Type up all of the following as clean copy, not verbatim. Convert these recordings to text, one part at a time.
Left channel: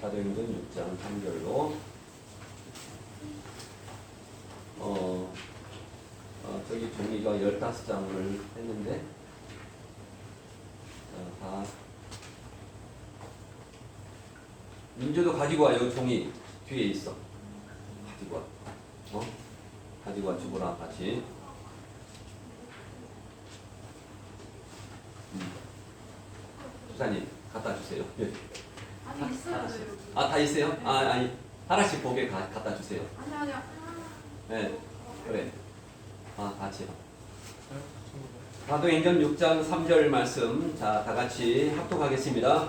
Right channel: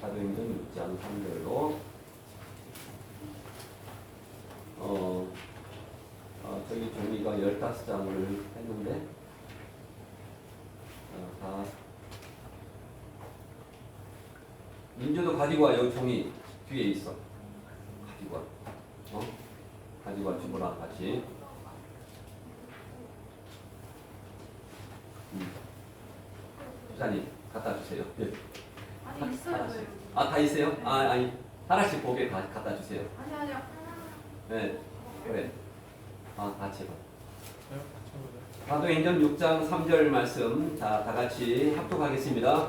사도행전 6장 3절로 저기 종이가 15장을 했는데 다 민주도 가지고 와요. 종이 뒤에 있어. 가지고 와. 가지고 와 주거라 같이. 주사님 갖다 주세요. 여기. 아니 있어요. 다 있어요? 아니 하나씩 보게 갖다 주세요. 아니. 네, 그래. 같이 봐. 사도행전 6장 3절 말씀, 자, 다 같이 합독하겠습니다.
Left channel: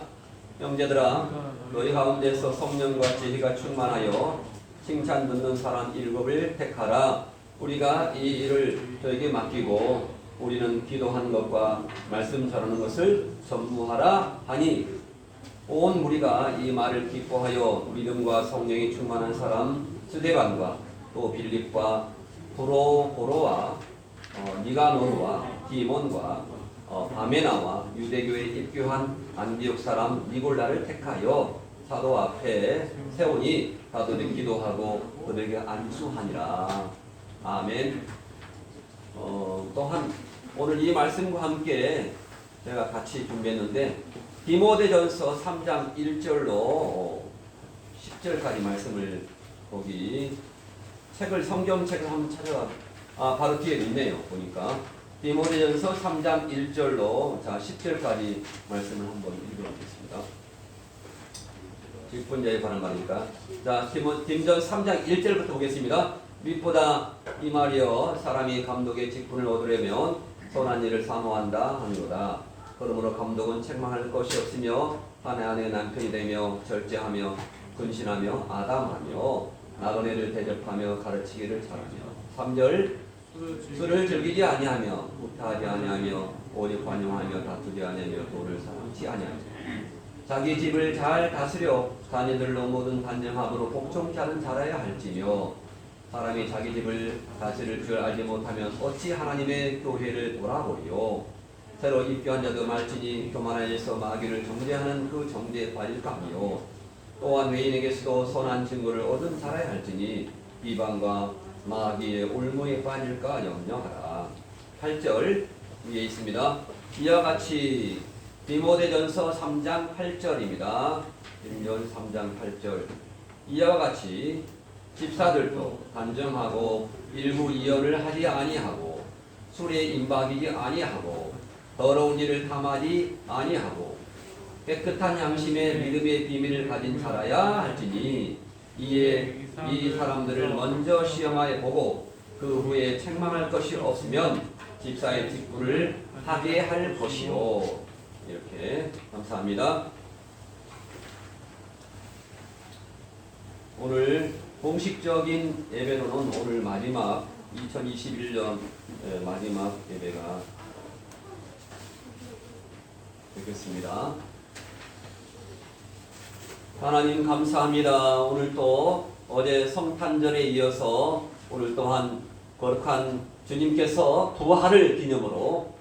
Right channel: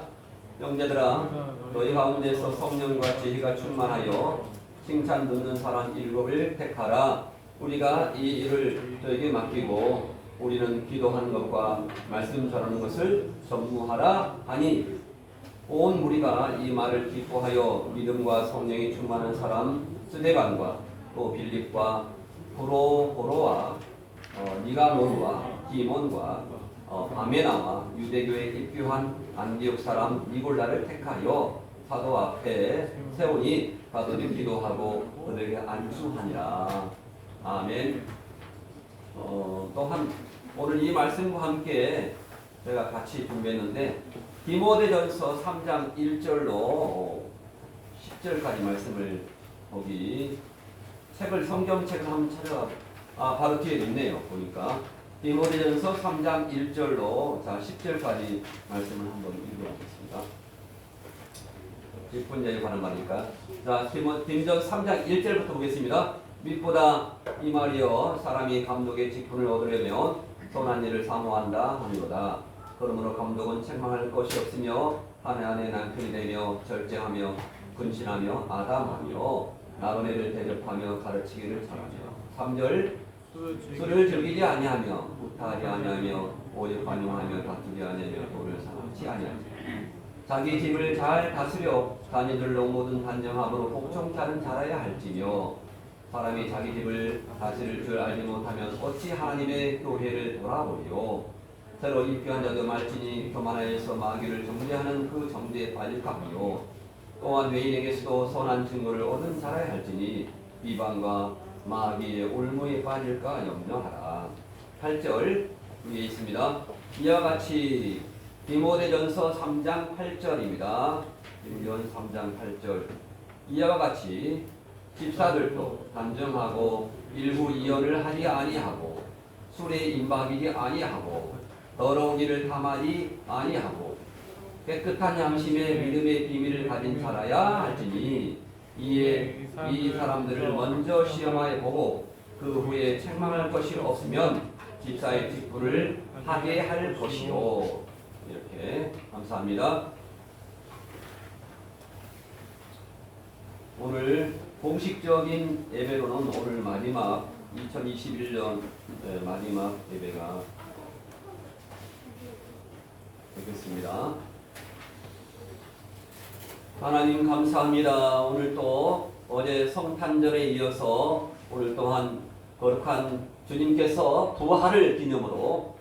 형제들아, 너희 가운데서 성령과 지혜가 충만하여 칭찬 듣는 사람 7을 택하라. 우리가 이 일을 저에게 맡기고 우리는 기도하는 것과 말씀 전하는 것을 전무하라 하니 온 무리가 이 말을 기뻐하여 믿음과 성령이 충만한 사람 스데반과 또 빌립과 프로고로와 니가노르와 디몬과 바메나와 유대교에 입교한 안디옥 사람 니골라를 택하여 사도 앞에 세우니 사도들이 기도하고 그들에게 안수하니라. 아멘. 또한 오늘 이 말씀과 함께 제가 같이 준비했는데 디모데전서 3장 1절로 10절까지 말씀을 거기 성경책을 한번 찾아 바로 뒤에 있네요. 보니까 디모데전서 3장 1절로 10절까지 말씀을 한번 읽어보겠습니다. 10분자에 관한 말이니까. 자, 디모전 3장 1절부터 보겠습니다. 밑보다 이 말이여 사람이 감독의 직분을 얻으려면 선한 일을 사모한다 하는도다. 그러므로 감독은 책망할 것이 없으며 아내 안에 남편이 되며 절제하며 근신하며 아담하며 나그네를 대접하며 가르치기를 잘하며. 3절 술을 즐기지 아니하며 후타하지 아니하며 오직 관용하며 다투지 아니하며 돈을 사랑치 아니하며 자기 집을 잘 다스려 자녀들로 모든 단정함으로 복종케 하는 자라야 할지며 사람이 자기 집을 다스릴 줄 알지 못하면 어찌 하나님의 교회를 돌아보리요. 새로 입교한 자도 말지니 교만하여서 마귀를 정죄하는 그 정죄에 빠질까 하며 또한 외인에게서도 선한 증거를 얻은 자라야 할지니 이방과 마귀의 올무에 빠질까 염려하라. 8절 위에 있습니다. 이와 같이 디모데전서 3장 8절입니다. 디모데전 3장 8절. 이와 같이 집사들도 단정하고 일부 이언을 하지 아니하고 술에 임박이지 아니하고 더러운 일을 탐하지 아니하고 깨끗한 양심의 믿음의 비밀을 가진 자라야 할지니 이에 이 사람들을 먼저 시험하여 보고 그 후에 책망할 것이 없으면 집사의 직분을 하게 할 것이요. 이렇게 감사합니다. 오늘 공식적인 예배로는 오늘 마지막 2021년 마지막 예배가 되겠습니다. 하나님 감사합니다. 오늘 또 어제 성탄절에 이어서 오늘 또한 거룩한 주님께서 부활을 기념으로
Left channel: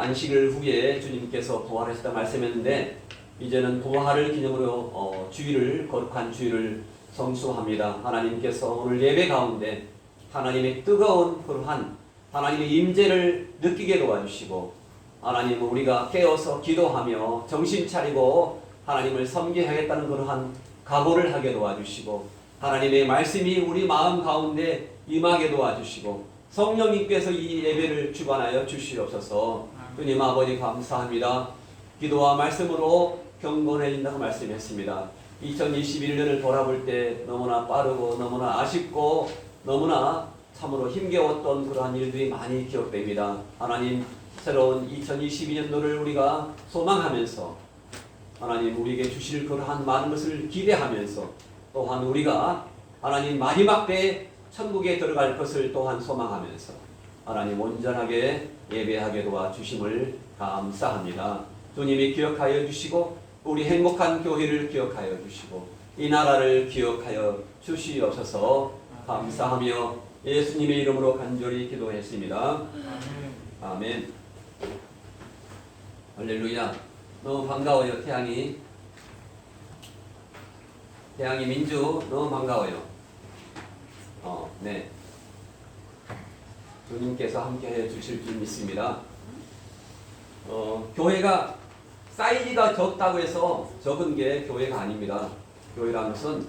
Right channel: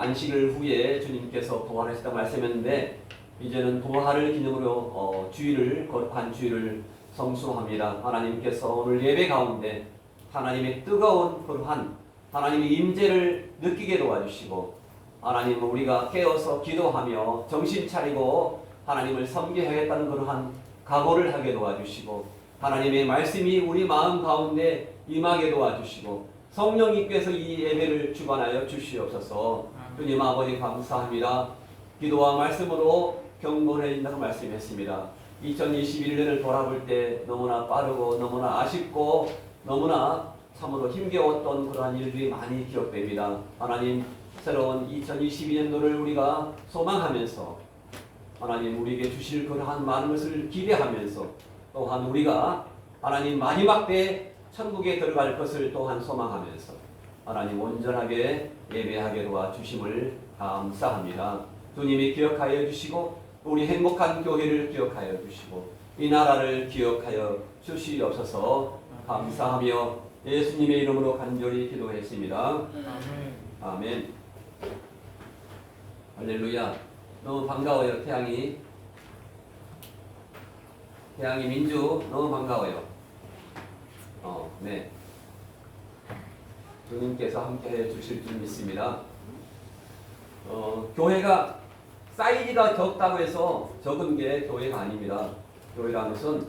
안식일 후에 주님께서 부활하셨다 말씀했는데 이제는 부활을 기념으로 주일을 거룩한 주일을 성수합니다. 하나님께서 오늘 예배 가운데 하나님의 뜨거운 그러한 하나님의 임재를 느끼게 도와주시고 하나님 우리가 깨어서 기도하며 정신 차리고 하나님을 섬기하겠다는 그러한 각오를 하게 도와주시고 하나님의 말씀이 우리 마음 가운데 임하게 도와주시고 성령님께서 이 예배를 주관하여 주시옵소서. 주님 아버지 감사합니다. 기도와 말씀으로 경건해진다고 말씀했습니다. 2021년을 돌아볼 때 너무나 빠르고 너무나 아쉽고 너무나 참으로 힘겨웠던 그러한 일들이 많이 기록됩니다. 하나님 새로운 2022년도를 우리가 소망하면서 하나님 우리에게 주실 그러한 많은 것을 기대하면서 또한 우리가 하나님 마지막 때 천국에 들어갈 것을 또한 소망하면서 하나님 온전하게 예배하게 도와주심을 감사합니다. 주님이 기억하여 주시고 우리 행복한 교회를 기억하여 주시고 이 나라를 기억하여 주시옵소서. 감사하며 예수님의 이름으로 간절히 기도했습니다. 아멘. 할렐루야. 너무 반가워요. 태양이 태양이 민주 너무 반가워요. 네. 주님께서 함께해 주실 줄 믿습니다. 교회가 사이즈가 적다고 해서 적은 게 교회가 아닙니다. 교회라는 것은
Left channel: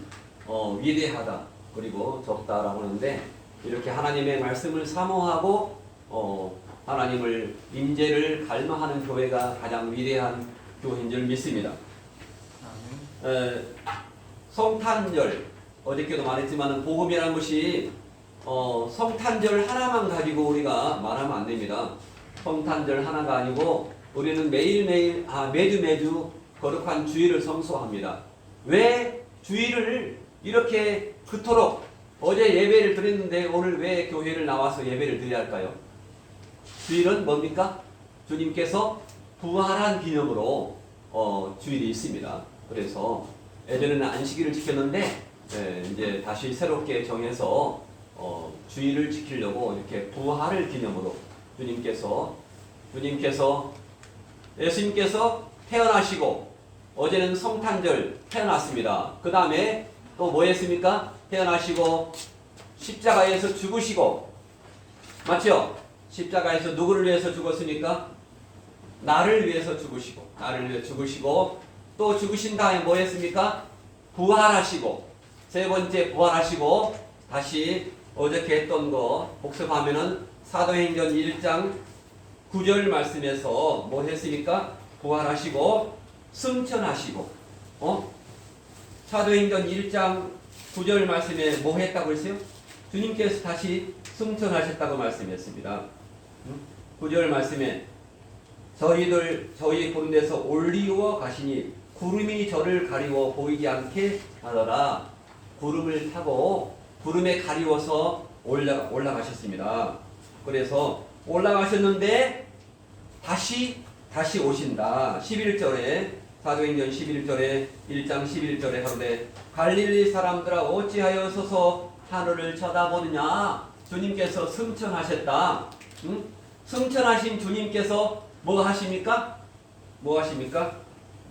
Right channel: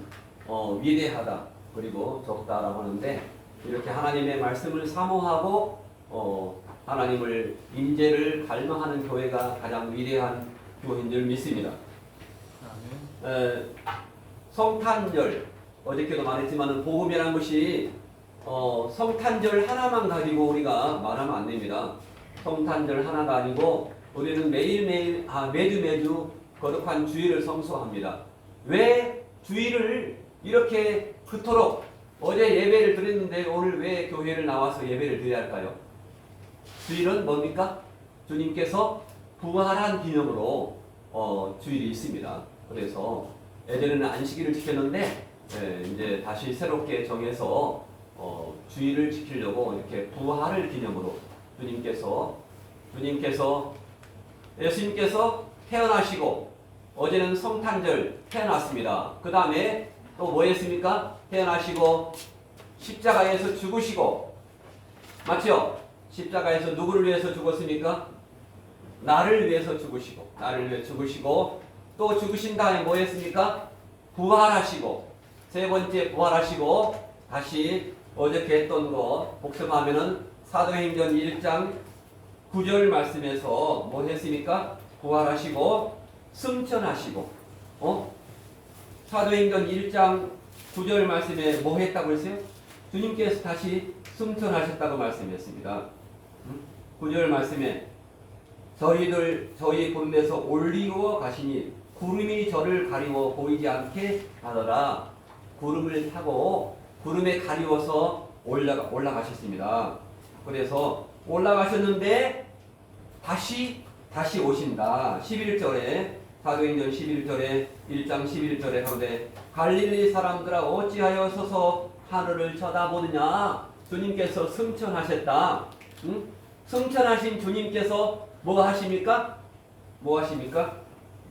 위대하다 그리고 적다라고 하는데 이렇게 하나님의 말씀을 사모하고 하나님을 임재를 갈망하는 교회가 가장 위대한 교회인 줄 믿습니다. 성탄절 어저께도 말했지만 복음이라는 것이 성탄절 하나만 가지고 우리가 말하면 안 됩니다. 성탄절 하나가 아니고 우리는 매일매일 매주 거룩한 주일을 성수합니다. 왜 주일을 이렇게 그토록 어제 예배를 드렸는데 오늘 왜 교회를 나와서 예배를 드려야 할까요? 주일은 뭡니까? 주님께서 부활한 기념으로 주일이 있습니다. 그래서 예전에는 안식일을 지켰는데 이제 다시 새롭게 정해서 주일을 지키려고 이렇게 부활을 기념으로 예수님께서 태어나시고 어제는 성탄절 태어났습니다. 그 다음에 또 뭐 했습니까? 태어나시고 십자가에서 죽으시고 맞죠? 십자가에서 누구를 위해서 죽었습니까? 나를 위해서 죽으시고 또 죽으신 다음에 뭐 했습니까? 부활하시고 세 번째 부활하시고 다시 어저께 했던 거 복습하면은 사도행전 1장 9절 말씀에서 뭐 했습니까? 부활하시고 승천하시고 사도행전 1장 9절 말씀에 뭐 했다고 했어요? 주님께서 다시 승천하셨다고 말씀했습니다. 9절 말씀에 저희 가운데서 올리워 가시니 구름이 저를 가리워 보이지 않게 하더라. 구름을 타고 구름에 가리워서 올라가셨습니다. 그래서 올라가셨는데 다시 오신다. 11절에 사도행전 11절에 1장 11절에 하루에 갈릴리 사람들아 어찌하여 서서 하늘을 쳐다보느냐. 주님께서 승천하셨다. 승천하신 주님께서 뭐 하십니까?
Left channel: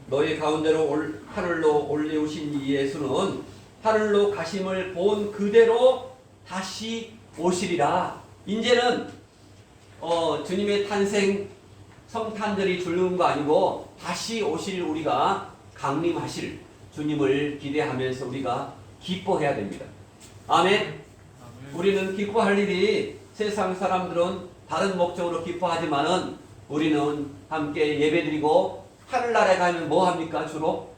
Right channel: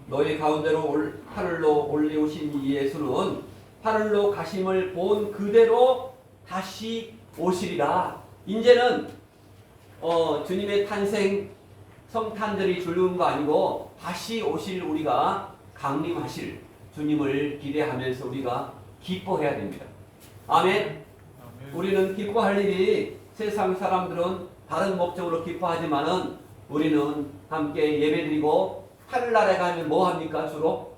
너희 가운데로 하늘로 올리우신 이 예수는 하늘로 가심을 본 그대로 다시 오시리라. 이제는 주님의 탄생 성탄절이 주는 거 아니고 다시 오실 우리가 강림하실 주님을 기대하면서 우리가 기뻐해야 됩니다. 아멘. 우리는 기뻐할 일이 세상 사람들은 다른 목적으로 기뻐하지만은 우리는 함께 예배드리고 하늘나라에 가면 뭐 합니까? 주로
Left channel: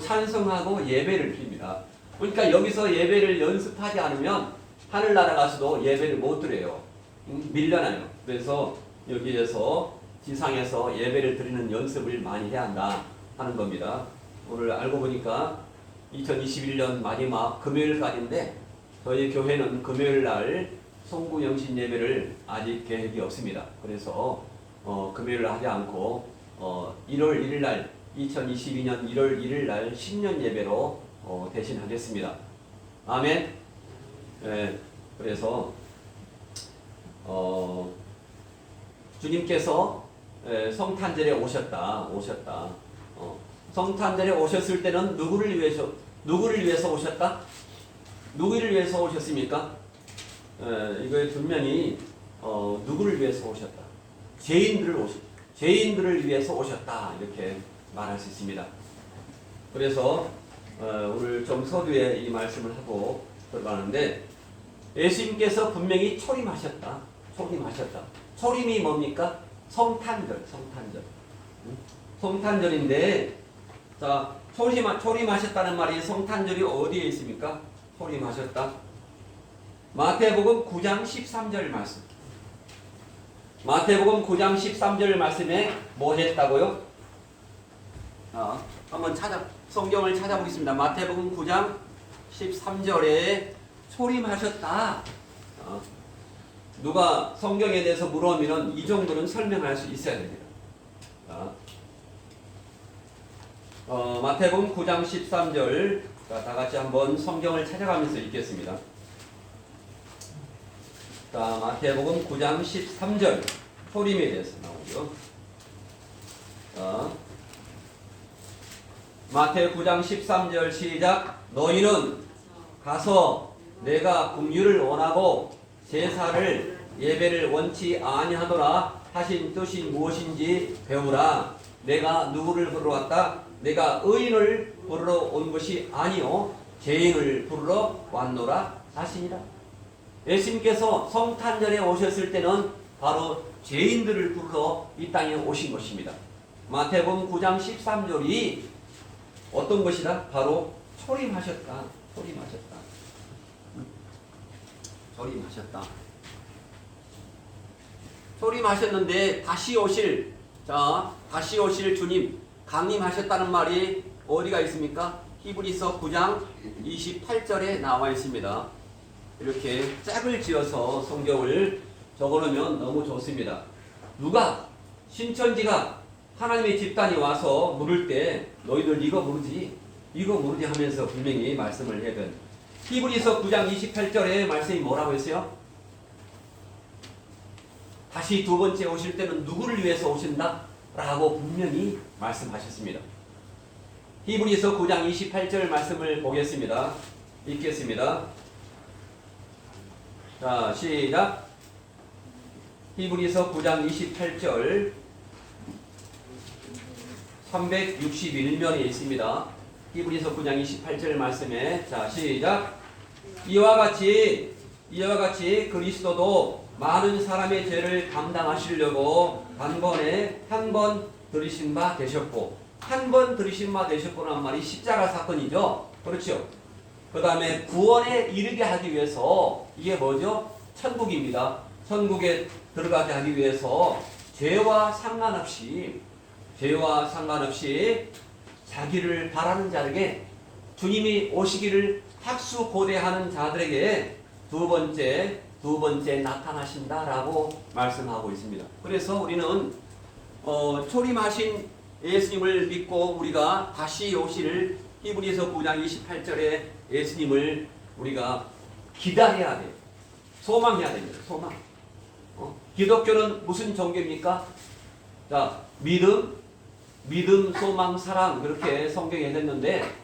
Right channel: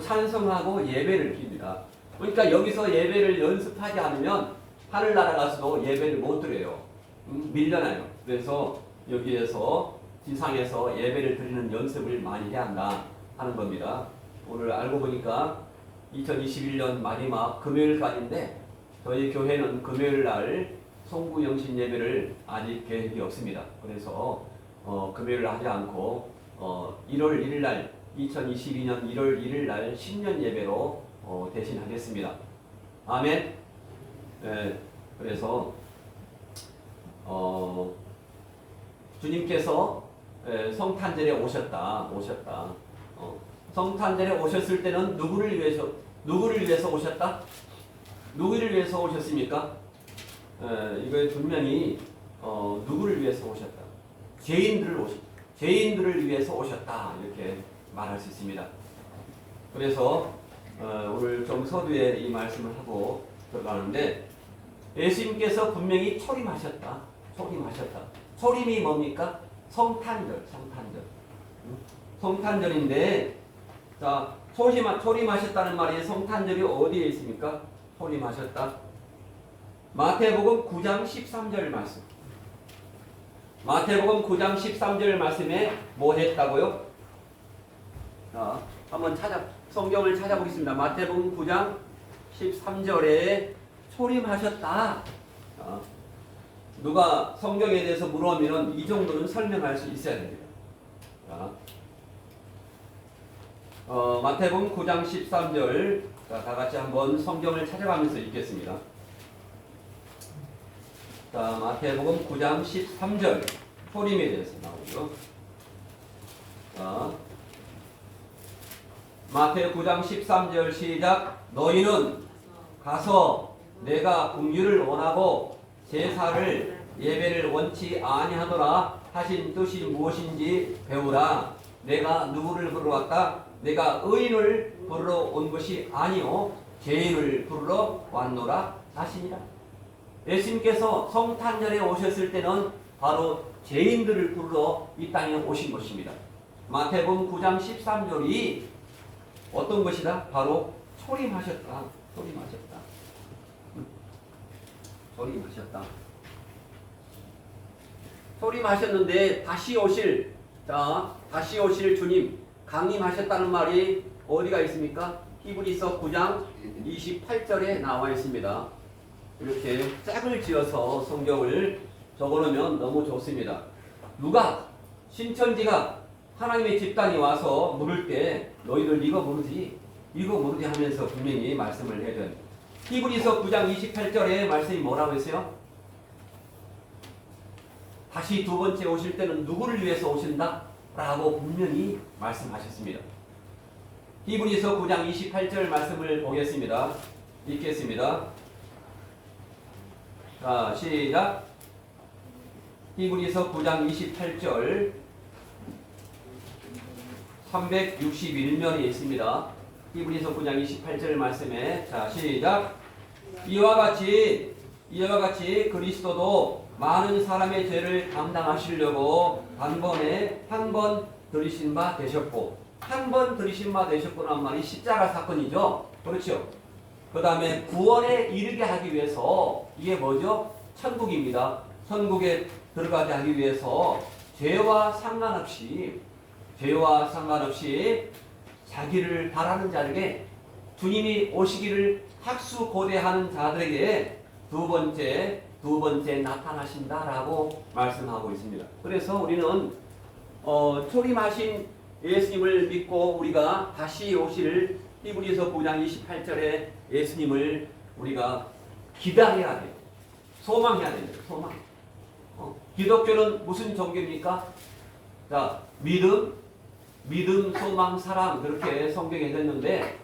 찬송하고 예배를 드립니다. 그러니까 여기서 예배를 연습하지 않으면 하늘나라 가서도 예배를 못 드려요. 밀려나요. 그래서 여기에서 지상에서 예배를 드리는 연습을 많이 해야 한다 하는 겁니다. 오늘 알고 보니까 2021년 마지막 금요일까지인데 저희 교회는 금요일 날 송구 영신 예배를 아직 계획이 없습니다. 그래서 금요일 하지 않고 1월 1일 날 2022년 1월 1일 날 신년 예배로 대신하겠습니다. 아멘. 그래서 주님께서 성탄절에 오셨다. 성탄절에 오셨을 때는 누구를 위해서 오셨다? 누구를 위해서 오셨습니까? 이거 분명히 누구를 위해서 오셨다? 죄인들을 위해서 오셨다. 이렇게 말할 수 있습니다. 그래서 오늘 좀 서두에 이 말씀을 하고 들어가는데 예수님께서 분명히 초림하셨다. 초림이 뭡니까? 성탄절인데 자 초림하셨다는 말이 성탄절이 어디에 있습니까? 초림하셨다. 마태복음 9장 13절 말씀. 마태복음 9장 13절 말씀에 뭐 했다고요? 한번 성경을 찾아보겠습니다. 마태복음 9장 13절에 초림하셨다. 누가 성경에 대해서 물어보면 이 정도는 설명할 수 있어야 됩니다. 마태복음 9장 13절 다 같이 한번 성경을 찾아가면서 읽겠습니다. 자, 마태복음 9장 13절 초림에 대해서 나오죠. 마태 9장 13절 시작. 너희는 가서 내가 긍휼을 원하고 제사를 예배를 원치 아니하노라 하신 뜻이 무엇인지 배우라. 내가 누구를 부르러 왔다? 내가 의인을 부르러 온 것이 아니요 죄인을 부르러 왔노라 하시니라. 예수님께서 성탄절에 오셨을 때는 바로 죄인들을 부르러 이 땅에 오신 것입니다. 마태복음 9장 13절이 어떤 것이다? 바로 초림하셨다. 초림하셨다. 초림하셨다. 초림하셨는데 다시 오실 주님 강림하셨다는 말이 어디가 있습니까? 히브리서 9장 28절에 나와 있습니다. 이렇게 짝을 지어서 성경을 적어놓으면 너무 좋습니다. 누가 신천지가 하나님의 집단이 와서 물을 때 너희들 이거 모르지 하면서 분명히 말씀을 해야 돼. 히브리서 9장 28절에 말씀이 뭐라고 했어요? 다시 두 번째 오실 때는 누구를 위해서 오신다? 라고 분명히 말씀하셨습니다. 히브리서 9장 28절 말씀을 보겠습니다. 읽겠습니다. 자, 시작. 히브리서 9장 28절 361면에 있습니다. 히브리서 9장 28절 말씀에 자, 시작. 이와 같이 그리스도도 많은 사람의 죄를 감당하시려고 단번에 한 번 들이신 바 되셨고, 한 번 들이신 바 되셨고란 말이 십자가 사건이죠. 그렇죠. 그 다음에 구원에 이르게 하기 위해서 이게 뭐죠? 천국입니다. 천국에 들어가게 하기 위해서 죄와 상관없이 자기를 바라는 자에게 주님이 오시기를 학수고대하는 자들에게 두 번째 나타나신다라고 말씀하고 있습니다. 그래서 우리는 초림하신 예수님을 믿고 우리가 다시 오실 히브리서 9장 28절에 예수님을 우리가 기다려야 돼요. 소망해야 됩니다. 소망. 기독교는 무슨 종교입니까? 자, 믿음, 소망, 사랑 그렇게 성경에 됐는데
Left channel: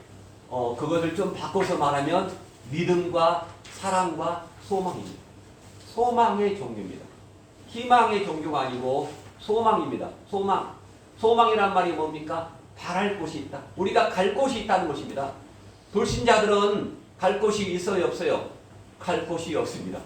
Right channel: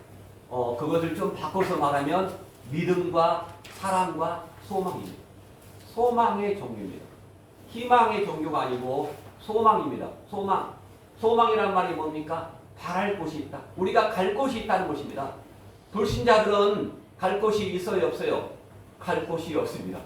그것을 좀 바꿔서 말하면 믿음과 사랑과 소망입니다. 소망의 종교입니다. 희망의 종교가 아니고 소망입니다. 소망이란 말이 뭡니까? 바랄 곳이 있다. 우리가 갈 곳이 있다는 것입니다. 불신자들은 갈 곳이 있어요, 없어요? 갈 곳이 없습니다.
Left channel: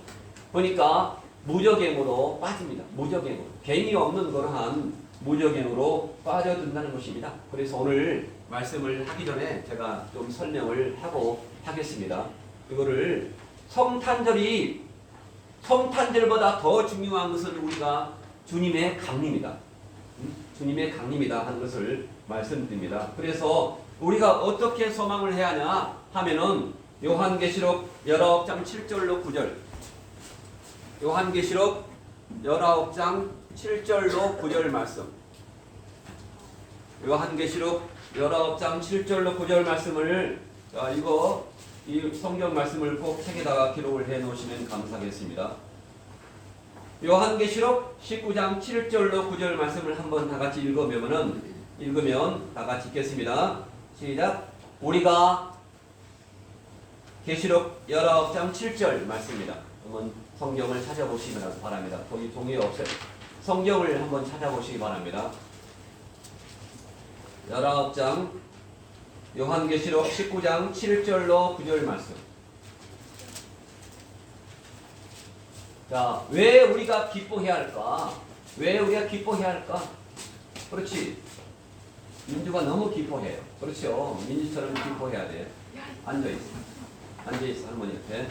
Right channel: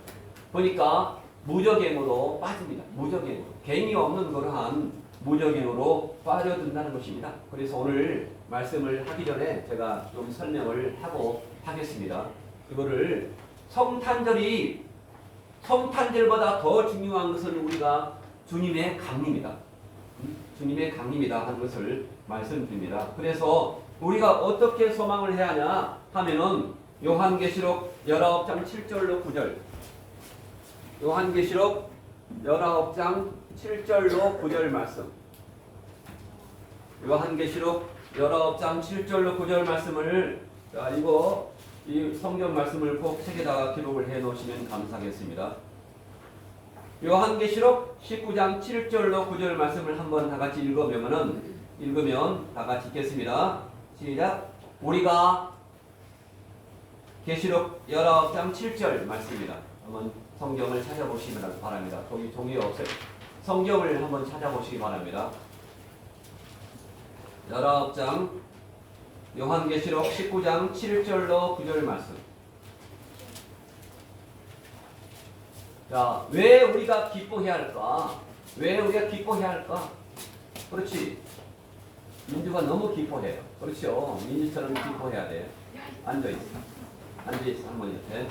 그러니까 무저갱으로 빠집니다. 무저갱으로. 갱이 없는 그러한 무저갱으로 빠져든다는 것입니다. 그래서 오늘 말씀을 하기 전에 제가 좀 설명을 하고 하겠습니다. 이거를 성탄절보다 더 중요한 것은 우리가 주님의 강림이다. 주님의 강림이다 하는 것을 말씀드립니다. 그래서 우리가 어떻게 소망을 해야 하냐 하면은 요한계시록 19장 7절로 9절. 요한계시록 19장 7절로 9절 말씀. 요한계시록 19장 7절로 9절 말씀을 이 성경 말씀을 꼭 책에다가 기록을 해 놓으시면 감사하겠습니다. 요한계시록 19장 7절로 9절 말씀을 한번 다 같이 읽으면 다 같이 읽겠습니다. 시작. 우리가 계시록 19장 7절 말씀입니다. 한번 성경을 찾아보시기 바랍니다. 거기 종이 없어요. 성경을 한번 찾아보시기 바랍니다. 19장 요한계시록 19장 7절로 9절 말씀. 자, 왜 우리가 기뻐해야 할까? 왜 우리가 기뻐해야 할까? 그렇지. 민주가 너무 기뻐해요. 그렇죠. 민주처럼 기뻐해야 돼. 앉아있어, 할머니 옆에.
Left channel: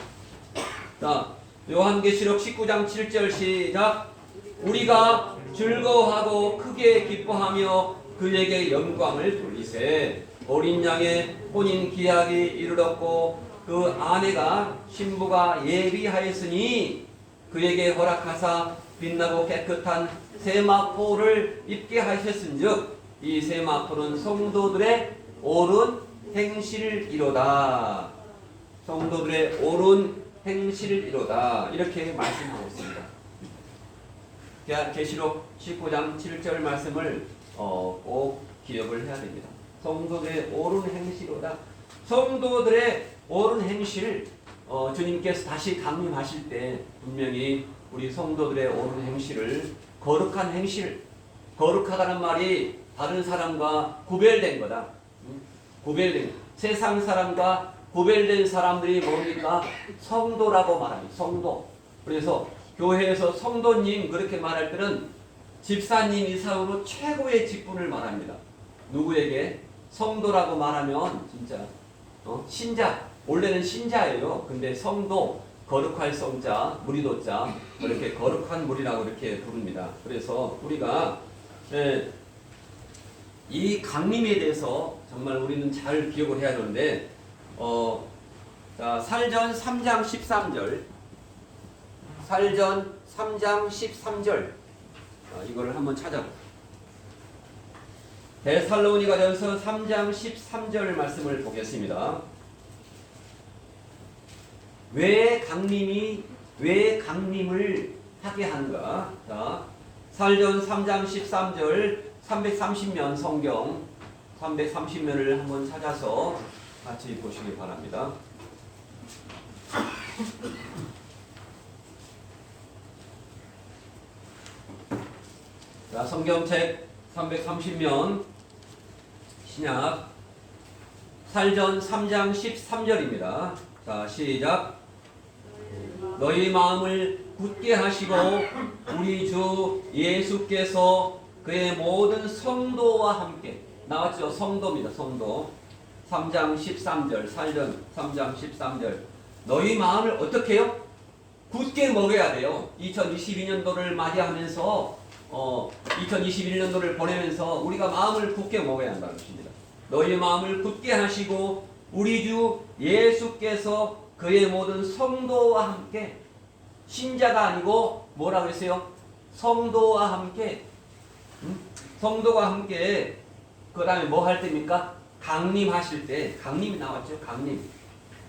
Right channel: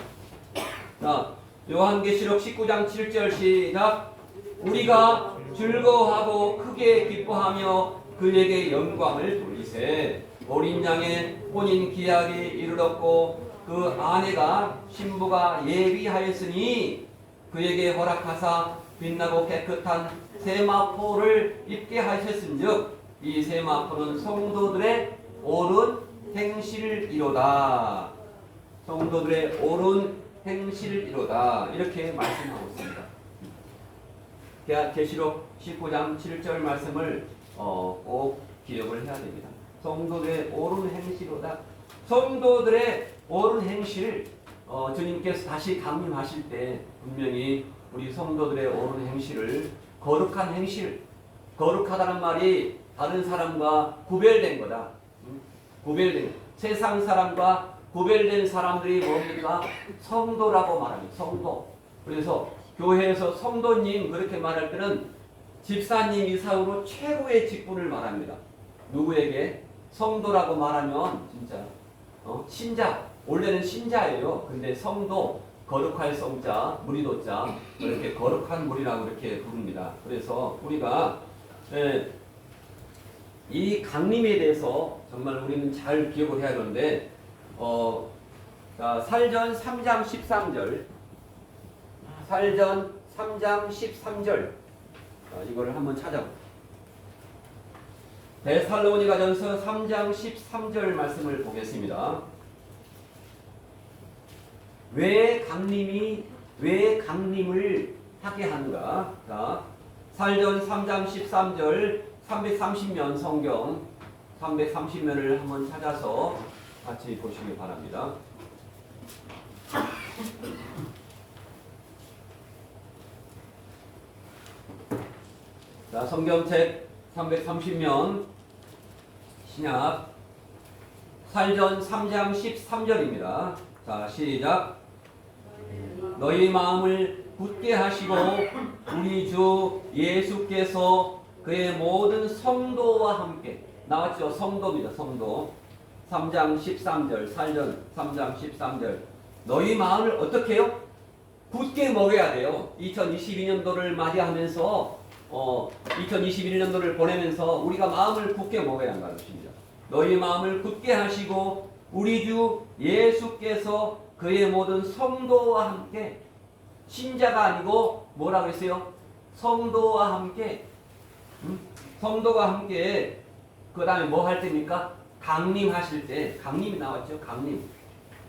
자, 요한계시록 19장 7절 시작. 우리가 즐거워하고 크게 기뻐하며 그에게 영광을 돌리세. 어린 양의 혼인 기약이 이르렀고 그 아내가 신부가 예비하였으니 그에게 허락하사 빛나고 깨끗한 세마포를 입게 하셨은즉 이 세마포는 성도들의 옳은 행실이로다. 성도들의 옳은 행실이로다. 이렇게 말씀하고 있습니다. 계시록 19장 7절 말씀을 꼭 기억을 해야 됩니다. 성도들의 옳은 행실로다. 성도들의 옳은 행실, 주님께서 다시 강림하실 때 분명히 우리 성도들의 옳은 행실을, 거룩한 행실, 거룩하다는 말이 다른 사람과 구별된 거다. 구별된, 세상 사람과 구별된 사람들이 뭡니까? 성도라고 말합니다. 성도. 그래서 교회에서 성도님 그렇게 말할 때는 집사님 이상으로 최고의 직분을 말합니다. 누구에게? 성도라고 말하면 진짜 신자, 원래는 신자예요. 근데 성도, 거룩할 성자, 무리도자, 이렇게 거룩한 무리라고 이렇게 부릅니다. 그래서 우리가 이 강림에 대해서 정말 우리는 잘 기억을 해야 하는데, 자, 살전 3장 13절, 살전 3장 13절, 이거를 한번 찾아볼게요. 데살로니가전서 3장 13절 말씀을 보겠습니다. 왜 강림을 하게 하는가? 자, 살전 3장 13절 330면 성경 330면을 한번 찾아서 같이 보시기 바랍니다. 자, 성경책 330면 신약 살전 3장 13절입니다. 자, 시작. 너희 마음을 굳게 하시고 우리 주 예수께서 그의 모든 성도와 함께, 나왔죠? 성도입니다. 성도. 3장 13절, 살전 3장 13절. 너희 마음을 어떻게 해요? 굳게 먹어야 돼요. 2022년도를 맞이하면서 2021년도를 보내면서 우리가 마음을 굳게 먹어야 한다는 것입니다. 너희 마음을 굳게 하시고 우리 주 예수께서 그의 모든 성도와 함께, 신자가 아니고 뭐라고 했어요? 성도와 함께, 성도와 함께, 그 다음에 뭐 할 때입니까? 강림하실 때, 강림이 나왔죠?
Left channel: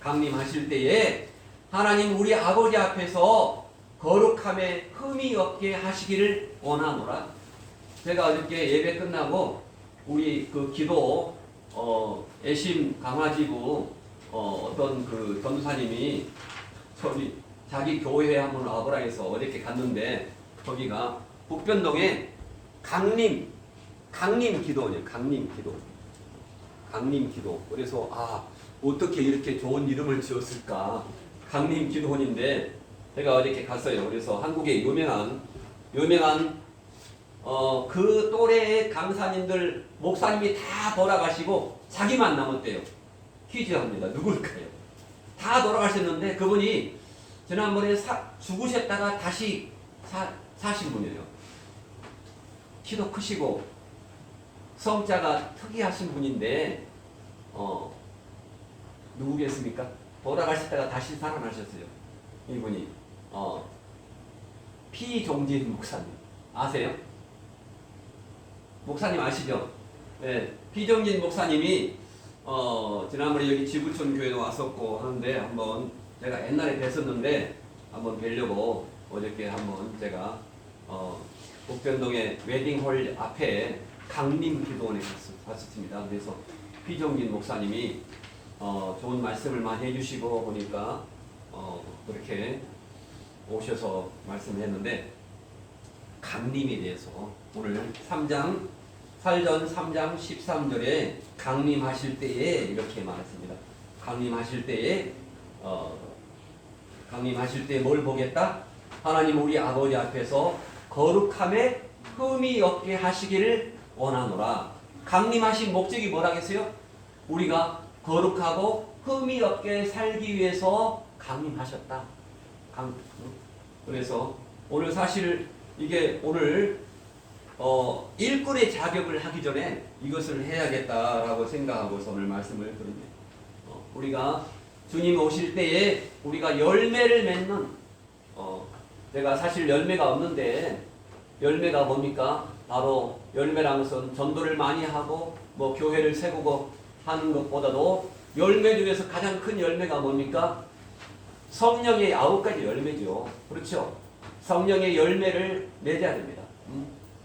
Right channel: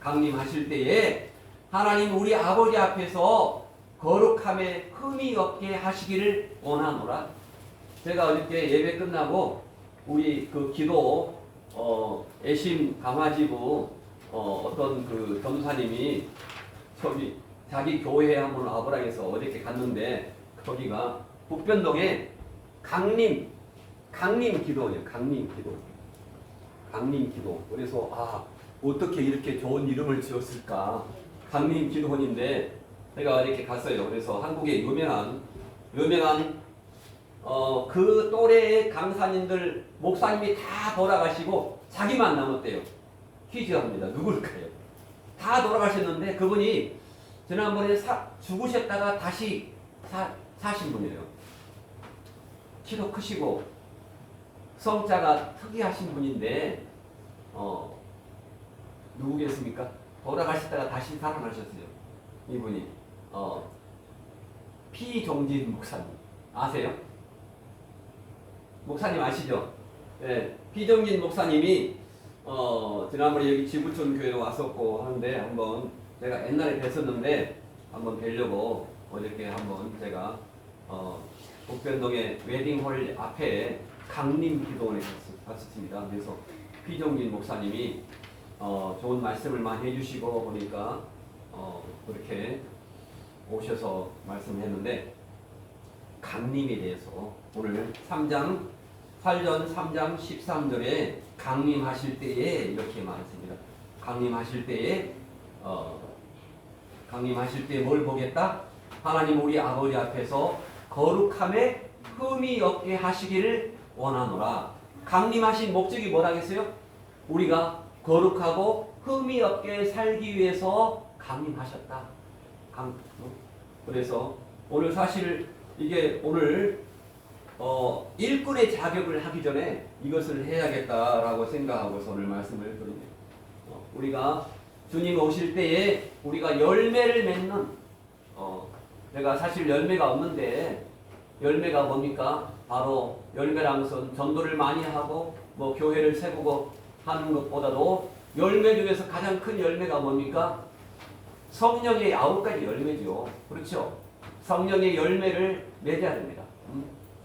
강림하실 때에 하나님 우리 아버지 앞에서 거룩함에 흠이 없게 하시기를 원하노라. 제가 어저께 예배 끝나고 우리 그 기도 애심 강화지부 어떤 그 전도사님이 저기 자기 교회에 한번 와보라 해서 어저께 갔는데, 거기가 북변동에 강림 기도원이에요. 강림 기도. 그래서 어떻게 이렇게 좋은 이름을 지었을까? 강림 기도원인데 제가 어저께 갔어요. 그래서 한국의 유명한 그 또래의 강사님들, 목사님이 다 돌아가시고 자기만 남았대요. 퀴즈합니다. 누굴까요? 다 돌아가셨는데 그분이 지난번에 죽으셨다가 다시 사신 분이에요. 키도 크시고 성자가 특이하신 분인데 누구겠습니까? 돌아가셨다가 다시 살아나셨어요. 이분이 피종진 목사님 아세요? 목사님 아시죠? 네, 피종진 목사님이 지난번에 여기 지구촌 교회도 왔었고 하는데 한번 제가 옛날에 뵀었는데 한번 뵈려고 어저께 한번 제가 북변동의 웨딩홀 앞에 강림 기도원에 갔었습니다. 그래서 피종진 목사님이 좋은 말씀을 많이 해주시고 보니까 그렇게 오셔서 말씀했는데, 강림에 대해서 오늘 살전 3장 13절에 강림하실 때에 이렇게 말했습니다. 강림하실 때에 뭘 보겠다? 하나님 우리 아버지 앞에서 거룩함에 흠이 없게 하시기를 원하노라. 강림하신 목적이 뭐라겠어요? 우리가 거룩하고 흠이 없게 살기 위해서 강림하셨다. 그래서 오늘 사실 이게 오늘 일꾼의 자격을 하기 전에 이것을 해야겠다라고 생각하고서 오늘 말씀을 드립니다. 우리가 주님 오실 때에 우리가 열매를 맺는, 제가 사실 열매가 없는데, 열매가 뭡니까? 바로 열매라는 것은 전도를 많이 하고 뭐 교회를 세우고 하는 것보다도 열매 중에서 가장 큰 열매가 뭡니까? 성령의 9가지 열매죠. 그렇죠? 성령의 열매를 맺어야 됩니다.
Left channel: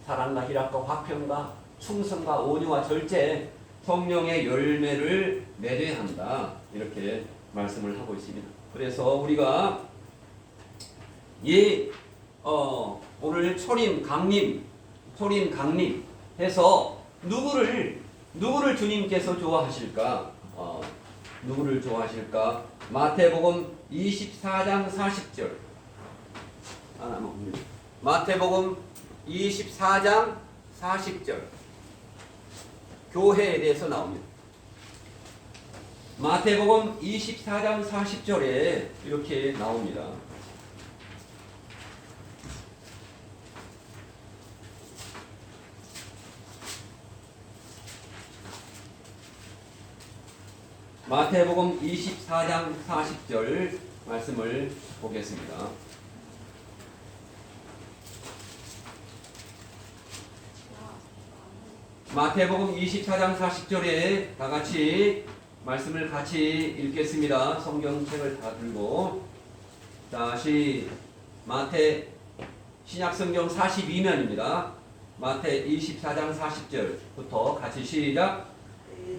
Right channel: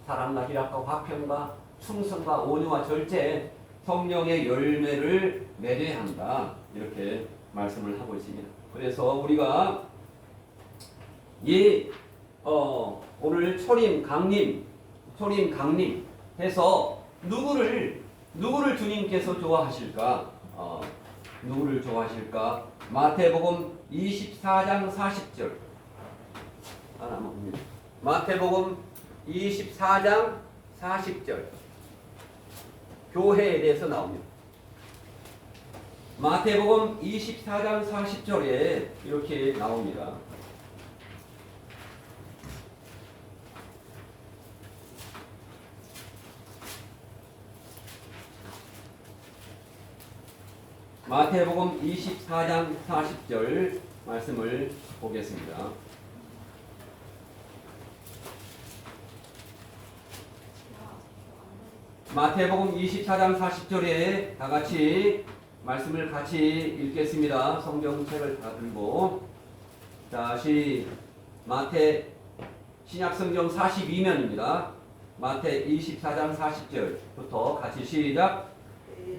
사랑과 희락과 화평과 충성과 온유와 절제, 성령의 열매를 맺어야 한다. 이렇게 말씀을 하고 있습니다. 그래서 우리가 오늘 초림 강림 해서 누구를 주님께서 좋아하실까? 누구를 좋아하실까? 마태복음 24장 40절. 마태복음 24장 40절. 교회에 대해서 나옵니다. 마태복음 24장 40절에 이렇게 나옵니다. 마태복음 24장 40절 말씀을 보겠습니다. 마태복음 24장 40절에 다 같이 말씀을 같이 읽겠습니다. 성경책을 다 들고 다시 마태 신약성경 42면입니다. 마태 24장 40절부터 같이 시작.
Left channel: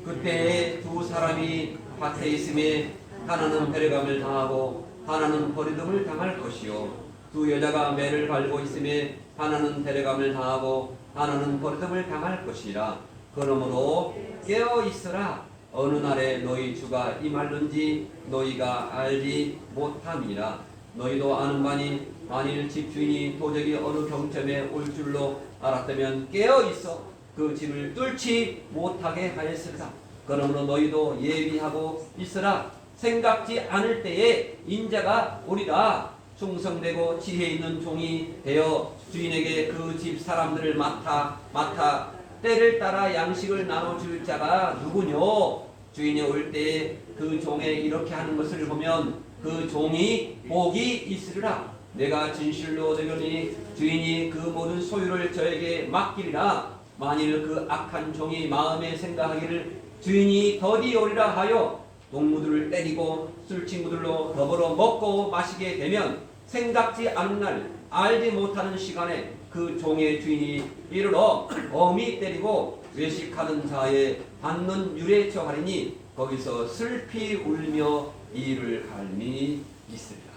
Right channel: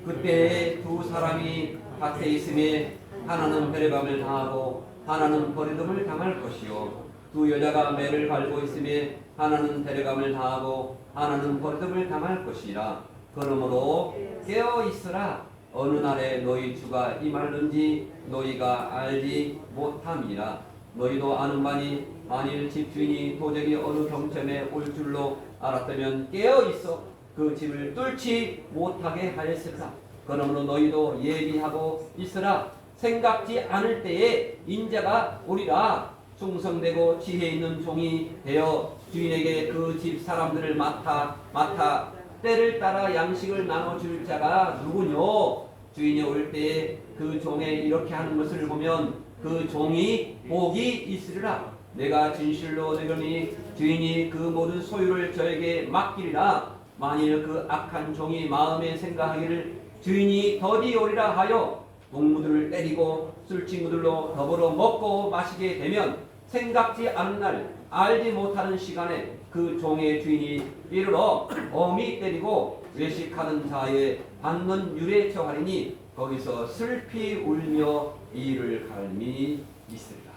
그때 두 사람이 밭에 있음에 하나는 배려감을 당하고 하나는 버리됨을 당할 것이요 두 여자가 매를 갈고 있음에 하나는 배려감을 당하고 하나는 버리됨을 당할 것이라. 그러므로 깨어 있으라. 어느 날에 너희 주가 임할는지 너희가 알지 못함이라. 너희도 아는 바니 만일 집주인이 도적이 어느 경점에 올 줄로 알았다면 깨어 있어 그 집을 뚫지 못하게 하였으리라. 그러므로 너희도 예비하고 있으라. 생각지 않을 때에 인자가 오리라. 충성되고 지혜 있는 종이 되어 주인에게 그 집 사람들을 맡아 때를 따라 양식을 나눠줄 자가 누구뇨? 주인이 올 때에 그 종에 이렇게 하는 것을 보면 그 종이 복이 있으리라. 내가 진실로 너희니 주인이 그 모든 소유를 저에게 맡기리라. 만일 그 악한 종이 마음에 생각하기를 주인이 더디 오리라 하여 동무들을 때리고 술친구들로 더불어 먹고 마시게 되면 생각지 않은 날 알지 못하는 시간에 그 종의 주인이 이르러 엄히 때리고 외식하는 자의 받는 율에 처하리니 거기서 슬피 울며 이를 갈미 있으리라.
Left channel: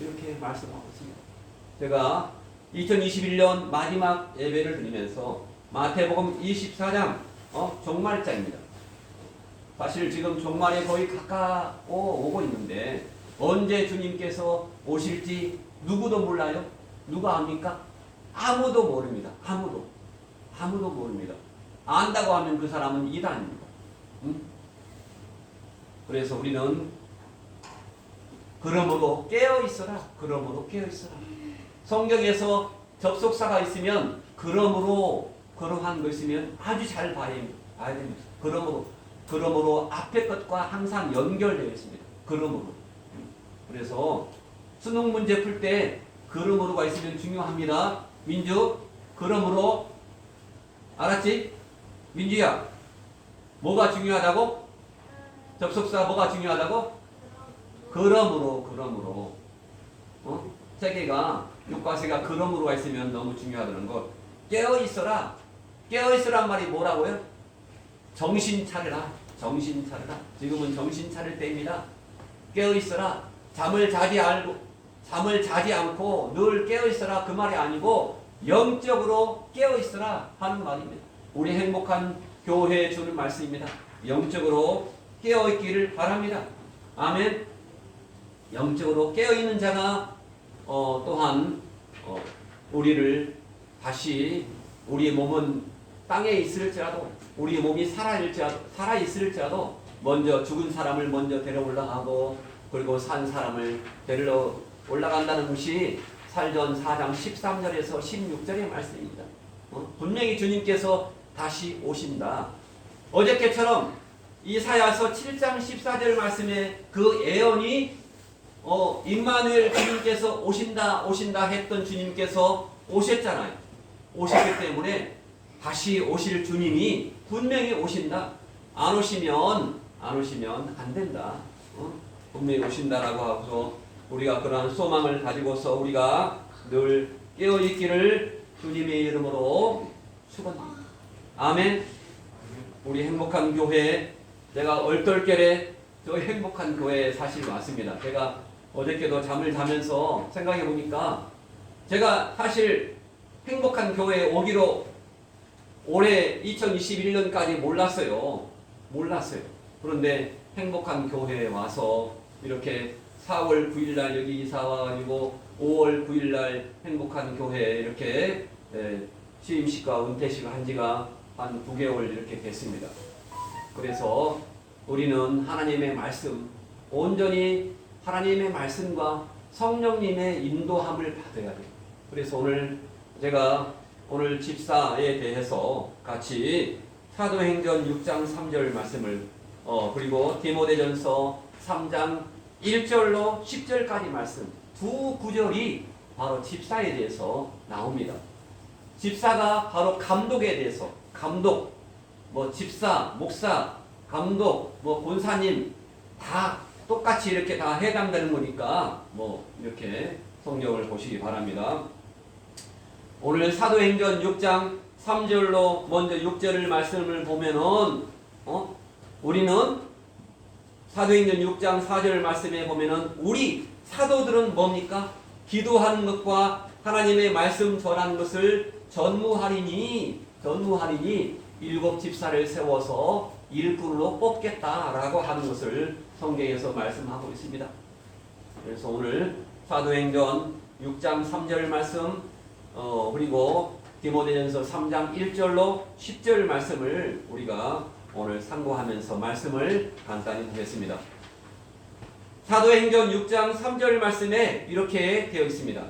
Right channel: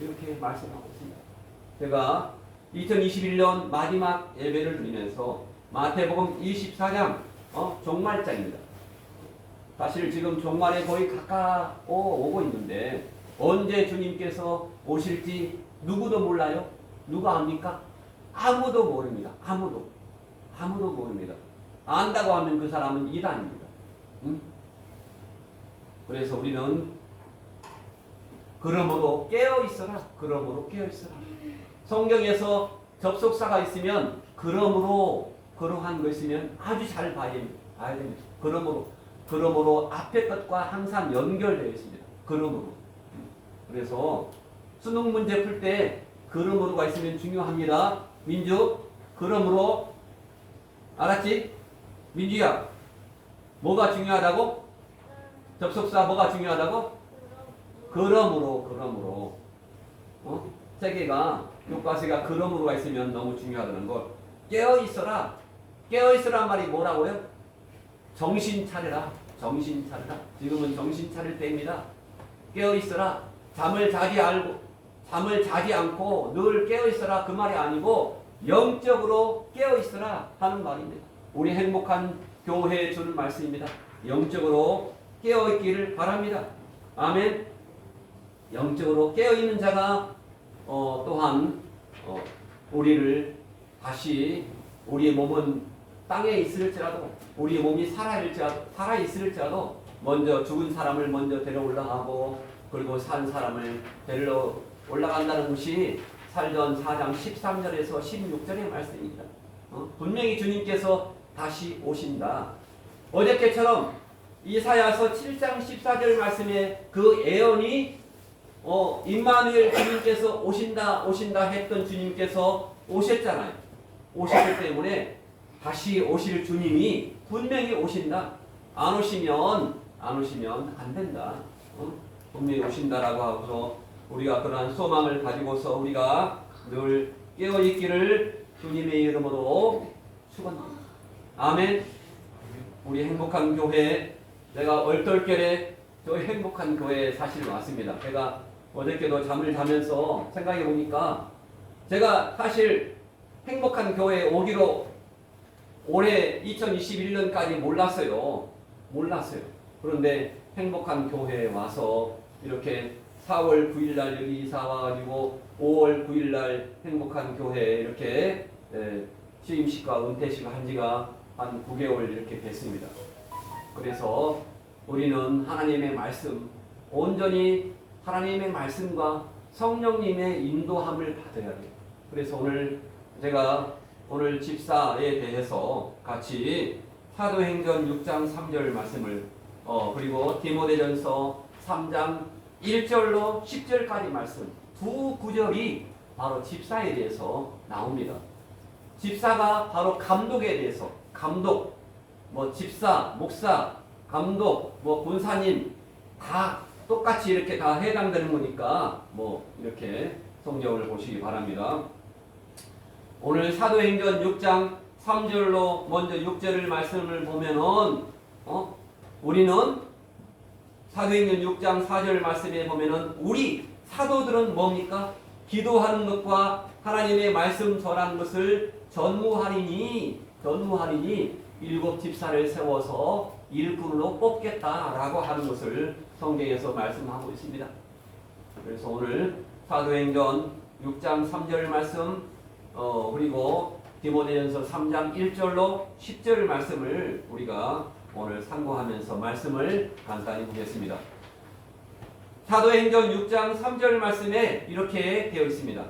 이렇게 말씀하고 있습니다. 제가 2021년 마지막 예배를 드리면서 마태복음 24장 종말장입니다. 사실 지금 종말에 거의 가까워 오고 있는데 언제 주님께서 오실지 누구도 몰라요. 누가 압니까? 아무도 모릅니다. 아무도 모릅니다. 안다고 하면 그 사람은 이단입니다. 그래서 우리는 그러므로 깨어 있어라. 그러므로 깨어 있어라. 성경에서 접속사가 있으면 그러므로 그러한 거 있으면 아주 잘 봐야 됩니다. 그러므로 앞에 것과 항상 연결되어 있습니다. 그러므로. 그래서 수능 문제 풀 때 그러므로가 있으면 중요합니다. 민주, 그러므로 알았지? 민주야, 뭐가 중요하다고? 접속사 뭐가 중요하다고? 그러므로. 세 개가 교과서가 그러므로가 있으면 너무 중요하다는 것. 깨어 있어라. 깨어 있으란 말이 뭐라고요? 정신 차려라. 지금은 정신 차릴 때입니다. 깨어 있어라. 잠을 자지 않고 늘 깨어 있어라. 그 말이 아니고 영적으로 깨어 있어라 하는 말입니다. 우리 행복한 교회에 주는 말씀입니다. 영적으로 깨어 있기를 바랍니다. 아멘. 영적으로 깨어 있는 자가 또한 우리를 다시 우리의 몸은 땅에 있을지라도 우리 몸이 살아 있을지라도 먼저 죽은 사람을 먼저 데려 올라가고 그리고 산 사람을 데리러 올라간다는 것이 살전 4장 13절에서 16절의 말씀입니다. 분명히 주님께서 다시 오신다. 어저께처럼 이사야서 7장 14절 말씀에 그 예언이 임마누엘 주님께서 오신다 했던 주님께서 오셨잖아요. 오셨기 때문에 다시 오실 주님이 분명히 오신다. 안 오시면 안 된다. 분명히 오신다라고 하고서 우리가 그러한 소망을 가지고서 우리가 늘 깨어있기를 주님의 이름으로 축원합니다. 아멘. 우리 행복한 교회, 제가 얼떨결에 저희 행복한 교회에 사실 왔습니다. 제가 어저께도 잠을 자면서 생각해 보니까 제가 사실 행복한 교회에 오기로 올해 2021년까지 몰랐어요. 그런데 행복한 교회에 와서 이렇게 4월 9일 날 여기 이사 와가지고 5월 9일 날 행복한 교회에 이렇게 취임식과 은퇴식 한 지가 한 9개월 이렇게 됐습니다. 그래서 우리는 하나님의 말씀, 온전히 하나님의 말씀과 성령님의 인도함을 받아야 돼요. 그래서 오늘 제가 오늘 집사에 대해서 같이 사도행전 6장 3절 말씀을 그리고 디모데전서 3장 1절로 10절까지 말씀 두 구절이 바로 집사에 대해서 나옵니다. 집사가 바로 감독에 대해서 감독, 집사, 목사, 감독, 권사님 다 똑같이 이렇게 다 해당되는 거니까 이렇게 성경을 보시기 바랍니다. 오늘 사도행전 6장 3절로 먼저 6절을 말씀을 보면은 우리는 사도행전 6장 4절 말씀에 보면은 우리 사도들은 뭡니까? 기도하는 것과 하나님의 말씀 전하는 것을 전무하리니 7 집사를 세워서 일꾼으로 뽑겠다라고 하는 것을 성경에서 말씀하고 있습니다. 그래서 오늘 사도행전 6장 3절 말씀 그리고 디모데전서 3장 1절로 10절 말씀을 우리가 오늘 참고하면서 말씀을 간단히 보겠습니다. 사도행전 6장 3절 말씀에 이렇게 되어 있습니다.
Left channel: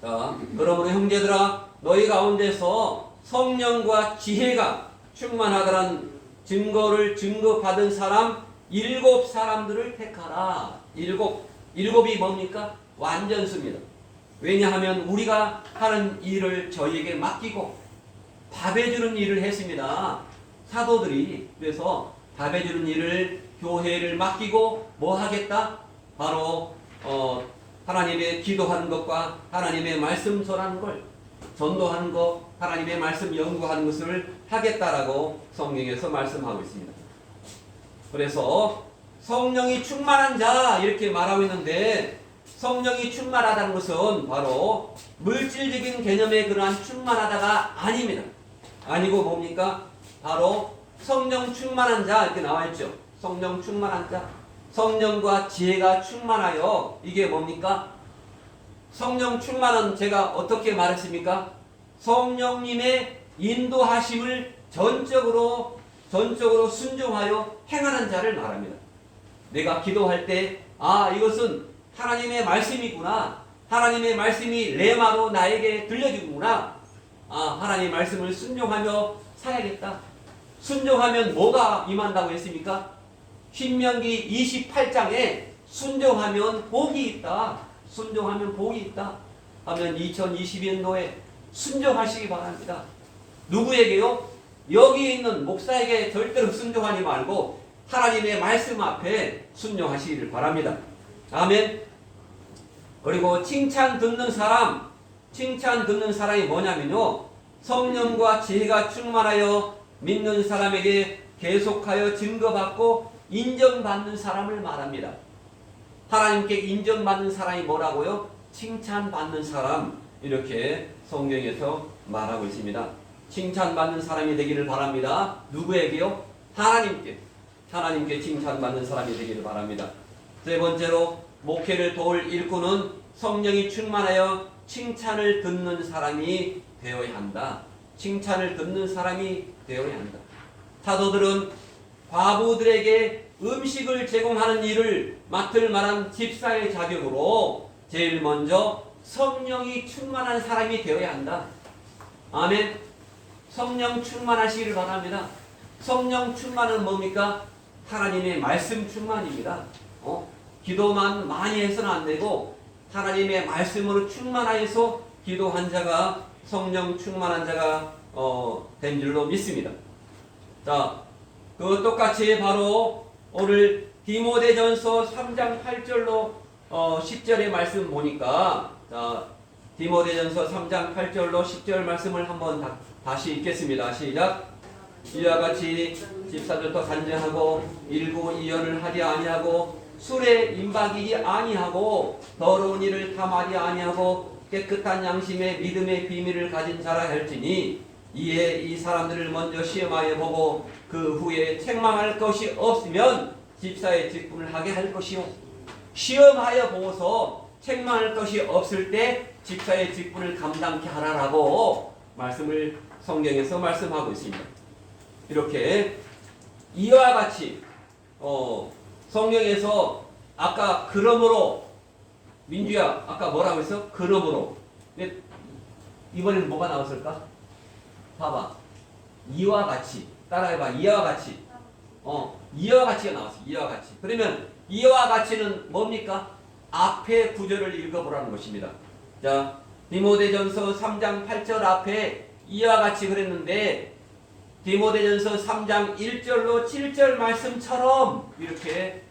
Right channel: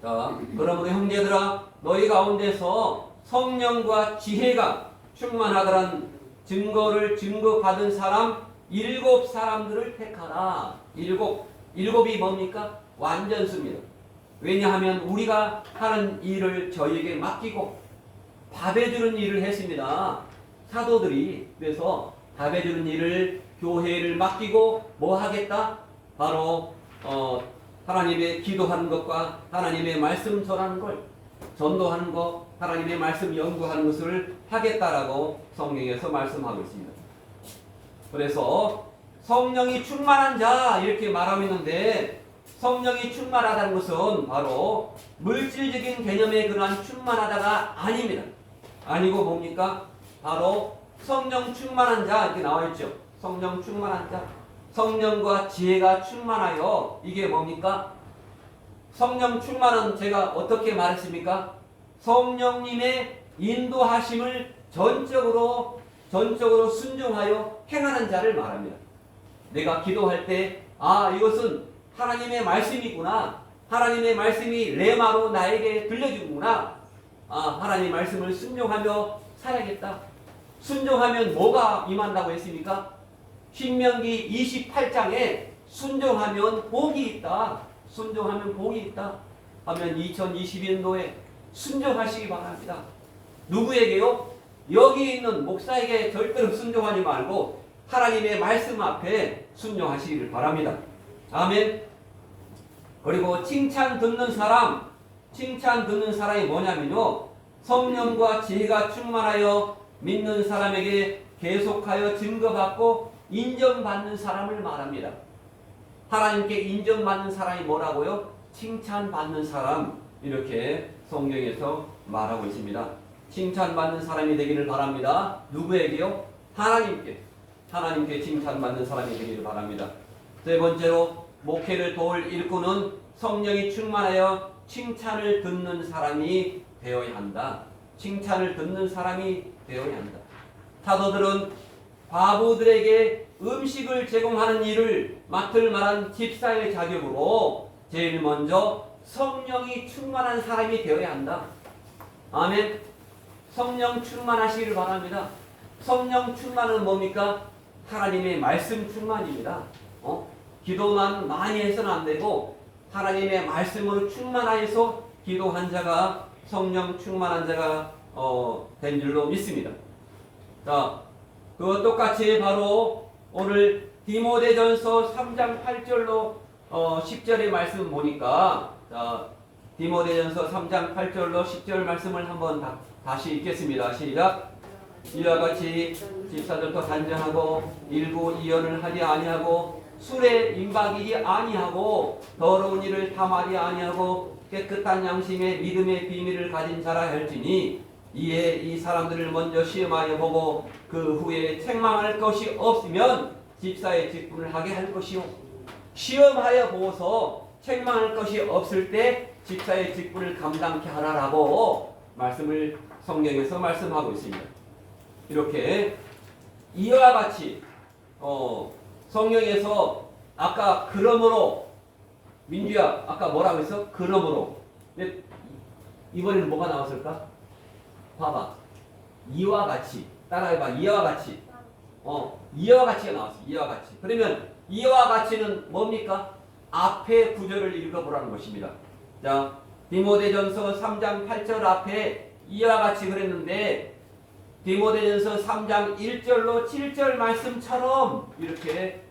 자, 그러므로 형제들아 너희 가운데서 성령과 지혜가 충만하다는 증거받은 사람 7 사람들을 택하라. 7이 뭡니까? 완전수입니다. 왜냐하면 우리가 하는 일을 저희에게 맡기고 밥해주는 일을 했습니다. 사도들이 그래서 밥해주는 일을 교회를 맡기고 뭐 하겠다? 바로 하나님의 기도하는 것과 하나님의 말씀 전하는 걸 전도하는 것, 하나님의 말씀 연구하는 것을 하겠다라고 성경에서 말씀하고 있습니다. 그래서 성령이 충만한 자 이렇게 말하고 있는데 성령이 충만하다는 것은 바로 물질적인 개념의 그러한 충만하다가 아닙니다. 아니고 뭡니까? 바로 성령 충만한 자 이렇게 나와 있죠. 성령 충만한 자, 성령과 지혜가 충만하여 이게 뭡니까? 성령 충만한 제가 어떻게 말했습니까? 성령님의 인도하심을 전적으로 순종하여 행하는 자를 말합니다. 내가 기도할 때 이것은 하나님의 말씀이구나. 하나님의 말씀이 레마로 나에게 들려주구나. 하나님의 말씀을 순종하며 살아야겠다. 순종하면 뭐가 임한다고 했습니까? 신명기 28장에 순종하면 복이 있다. 순종하면 복이 있다. 하면 2022년도에 순종하시기 바랍니다. 누구에게요? 여기 있는 목사에게 절대로 순종하지 말고 하나님의 말씀 앞에 순종하시기를 바랍니다. 아멘. 그리고 칭찬 듣는 사람이 뭐냐면요. 성령과 지혜가 충만하여 믿는 사람에게 계속하여 증거받고 인정받는 사람을 말합니다. 하나님께 인정받는 사람이 뭐라고요? 칭찬받는 사람 이렇게 성경에서 말하고 있습니다. 칭찬받는 사람이 되기를 바랍니다. 누구에게요? 하나님께 칭찬받는 사람이 되기를 바랍니다. 세 번째로 목회를 도울 일꾼은 성령이 충만하여 칭찬을 듣는 사람이 되어야 한다. 칭찬을 듣는 사람이 되어야 한다. 사도들은 과부들에게 음식을 제공하는 일을 맡을 만한 집사의 자격으로 제일 먼저 성령이 충만한 사람이 되어야 한다. 아멘. 성령 충만하시기를 바랍니다. 성령 충만은 뭡니까? 하나님의 말씀 충만입니다. 기도만 많이 해서는 안 되고 하나님의 말씀으로 충만하여서 기도한 자가 성령 충만한 자가 된 줄로 믿습니다. 자, 그 똑같이 바로 오늘 디모데전서 3장 8절로 10절의 말씀 보니까 자, 디모데전서 3장 8절로 10절 말씀을 한번 다시 읽겠습니다. 시작. 이와 같이 집사들도 단정하고 일부 이언을 하지 아니하고 술에 임박이지 아니하고 더러운 일을 탐하지 아니하고 깨끗한 양심의 믿음의 비밀을 가진 자라 할지니 이에 이 사람들을 먼저 시험하여 보고 그 후에 책망할 것이 없으면 집사의 직분을 하게 할 것이요. 시험하여 보고서 책망할 것이 없을 때 집사의 직분을 감당케 하라라고 말씀을 성경에서 말씀하고 있습니다. 이렇게 이와 같이 성경에서 아까 그러므로 민주야 아까 뭐라고 했어? 그러므로. 근데 이번에는 뭐가 나왔을까? 봐봐. 이와 같이 따라해봐. 이와 같이. 이와 같이가 나왔어. 이와 같이. 그러면 이와 같이는 뭡니까? 앞에 구절을 읽어보라는 것입니다. 자, 디모데전서 3장 8절 앞에 이와 같이 그랬는데 디모데전서 3장 1절로 7절 말씀처럼 이렇게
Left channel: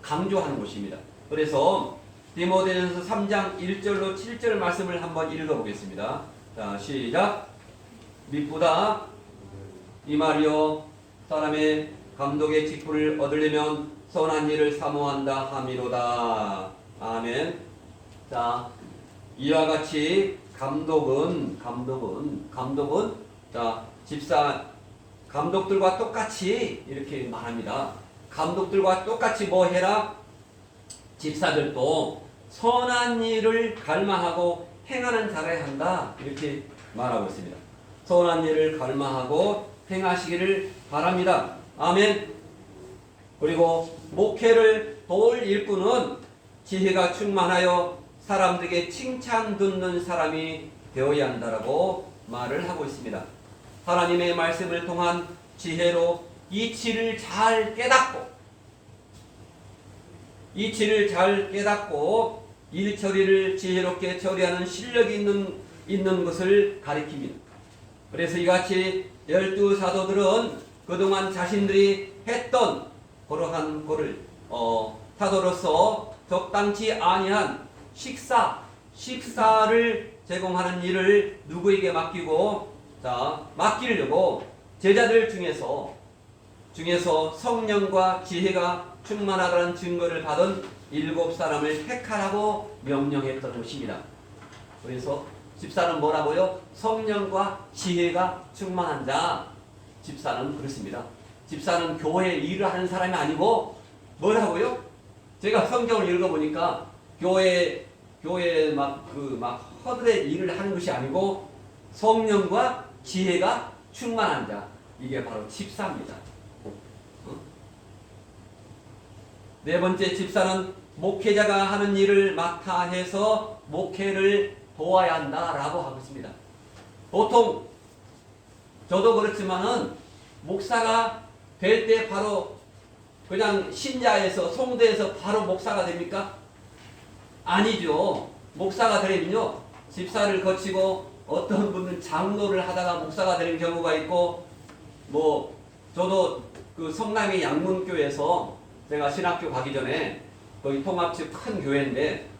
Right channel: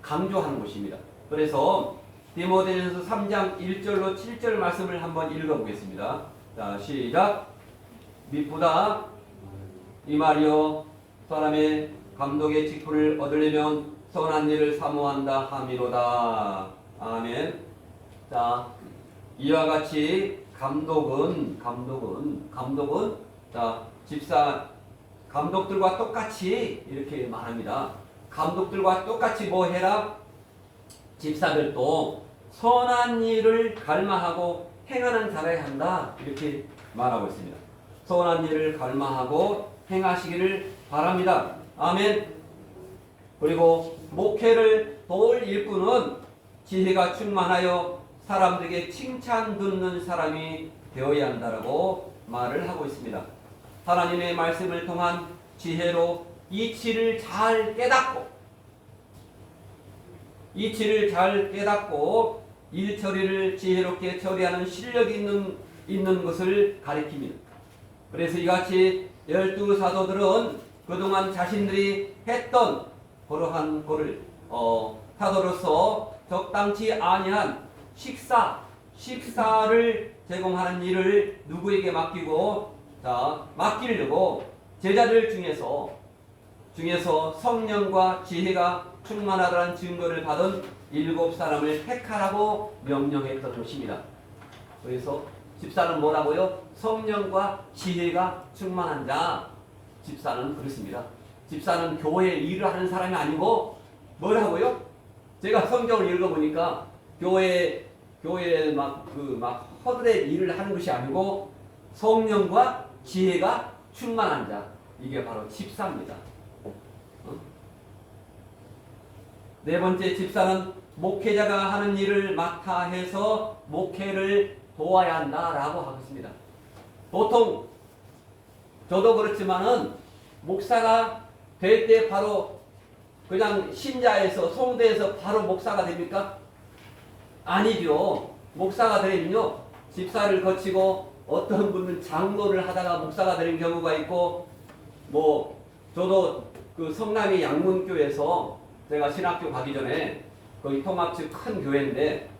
강조하는 것입니다. 그래서 디모데전서 3장 1절로 7절 말씀을 한번 읽어보겠습니다. 자, 시작. 미쁘다 이 말이요 사람의 감독의 직분을 얻으려면 선한 일을 사모한다 함이로다. 아멘. 자, 이와 같이 감독은 자, 집사 감독들과 똑같이 이렇게 말합니다. 감독들과 똑같이 뭐 해라? 집사들도 선한 일을 갈망하고 행하는 자라야 한다. 이렇게 말하고 있습니다. 선한 일을 갈망하고 행하시기를 바랍니다. 아멘. 그리고 목회를 도울 일꾼은 지혜가 충만하여 사람들에게 칭찬 듣는 사람이 되어야 한다라고 말을 하고 있습니다. 하나님의 말씀을 통한 지혜로 이치를 잘 깨닫고 일 처리를 지혜롭게 처리하는 실력이 있는 것을 가리킵니다. 그래서 이같이 12사도들은 그동안 자신들이 했던 그러한 거를 사도로서 적당치 아니한 식사를 제공하는 일을 누구에게 맡기려고 제자들 중에서 성령과 지혜가 충만하다는 증거를 받은 7사람을 택하라고 명령했던 것입니다. 그래서 집사는 뭐라고요? 성령과 지혜가 충만한 자. 집사는 그렇습니다. 집사는 교회 일을 하는 사람이 아니고 뭐라고요? 제가 성경을 읽어보니까 교회 막 허들의 일을 하는 것이 아니고 성령과 지혜가 충만한 자. 이게 바로 집사입니다. 네 번째, 집사는 목회자가 하는 일을 맡아 해서 목회를 도와야 한다라고 하고 있습니다. 보통 저도 그렇지만은 목사가 될 때 바로 그냥 신자에서 송대에서 바로 목사가 됩니까? 아니죠. 목사가 되려면요 집사를 거치고 어떤 분은 장로를 하다가 목사가 되는 경우가 있고 저도 그 성남의 양문교에서 제가 신학교 가기 전에 거기 통합집 큰 교회인데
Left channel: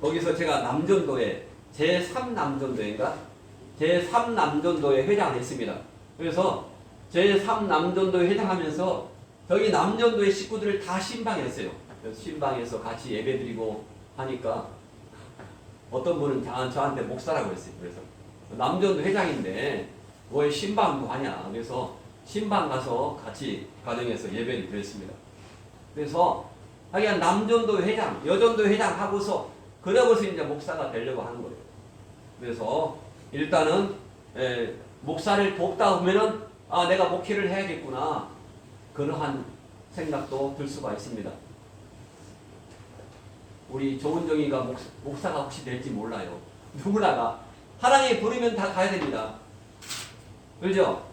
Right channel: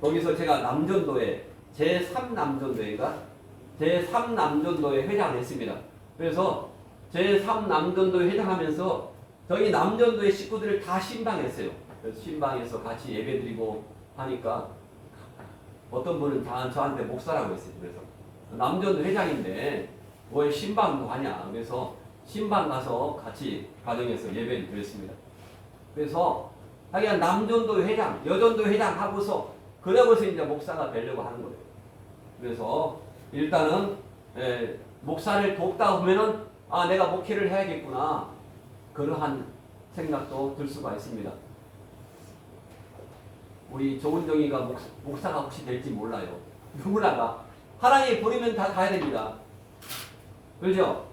거기서 제가 남전도에 제3남전도인가? 제3남전도에 회장을 했습니다. 그래서 제3남전도에 회장하면서 저기 남전도의 식구들을 다 신방했어요. 그래서 신방에서 같이 예배드리고 하니까 어떤 분은 저한테 목사라고 했어요. 그래서 남전도 회장인데 왜 신방도 하냐? 그래서 신방 가서 같이 가정에서 예배를 드렸습니다. 그래서 하여간 남전도 회장, 여전도 회장 하고서 그러고서 이제 목사가 되려고 하는 거예요. 그래서 일단은 목사를 돕다 보면은 내가 목회를 해야겠구나 그러한 생각도 들 수가 있습니다. 우리 조은정이가 목사가 혹시 될지 몰라요. 누구나가 하나님이 부르면 다 가야 됩니다. 그렇죠?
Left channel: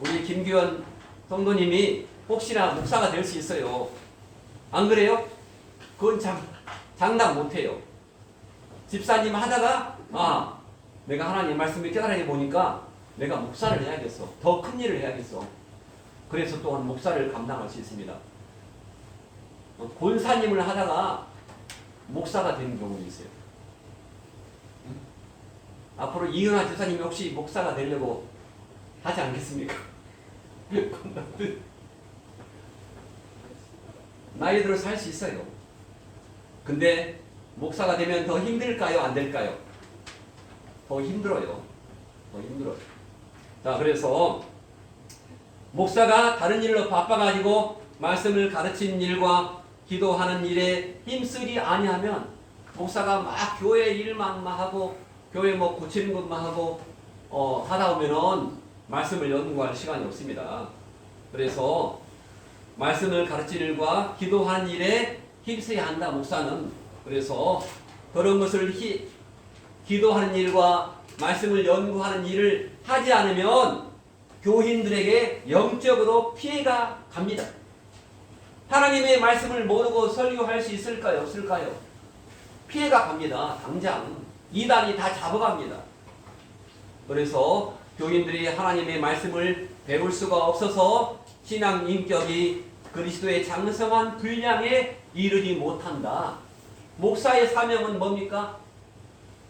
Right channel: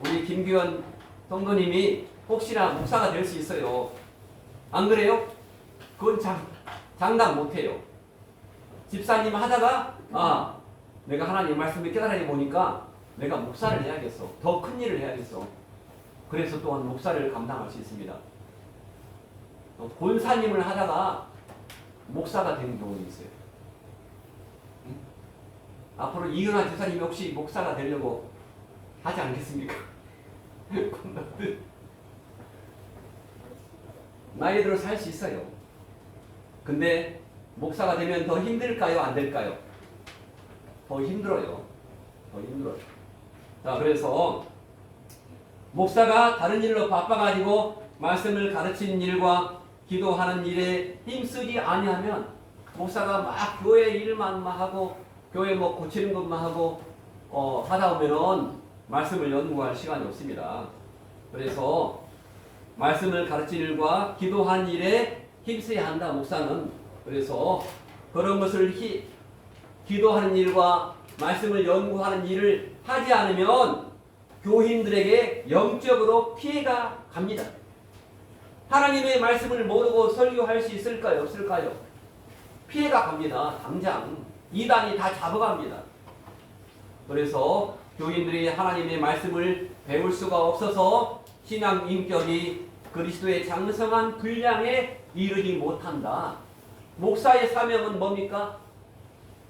우리 김규현 성도님이 혹시나 목사가 될 수 있어요. 안 그래요? 그건 장담 못해요. 집사님 하다가 내가 하나님의 말씀을 깨달아 보니까 내가 목사를 해야겠어. 더 큰 일을 해야겠어. 그래서 또한 목사를 감당할 수 있습니다. 권사님을 하다가 목사가 되는 경우도 있어요. 앞으로 이은하 집사님이 혹시 목사가 되려고 하지 않겠습니까? 건너듯 나이 들어 살 수 있어요. 근데 목사가 되면 더 힘들까요? 안 될까요? 더 힘들어요. 더 힘들어요. 자, 그래서 목사가 다른 일로 바빠가지고 말씀을 가르치는 일과 기도하는 일에 힘쓰지 아니하면 목사가 막 교회 일만 하고 교회 뭐 고치는 것만 하고 하다 보면은 말씀을 연구할 시간이 없습니다. 그래서 말씀을 가르치는 일과 기도하는 일에 힘써야 한다, 목사는. 그래서 그런 것을 기도하는 일과 말씀을 연구하는 일을 하지 않으면 교인들에게 영적으로 피해가 갑니다. 하나님의 말씀을 모르고 설교할 수 있을까요? 없을까요? 피해가 갑니다. 당장 이단이 다 잡아갑니다. 그래서 교인들이 하나님의 말씀을 배울 수가 없어서 신앙 인격이 그리스도의 장성한 분량에 이르지 못한다. 목사의 사명은 뭡니까?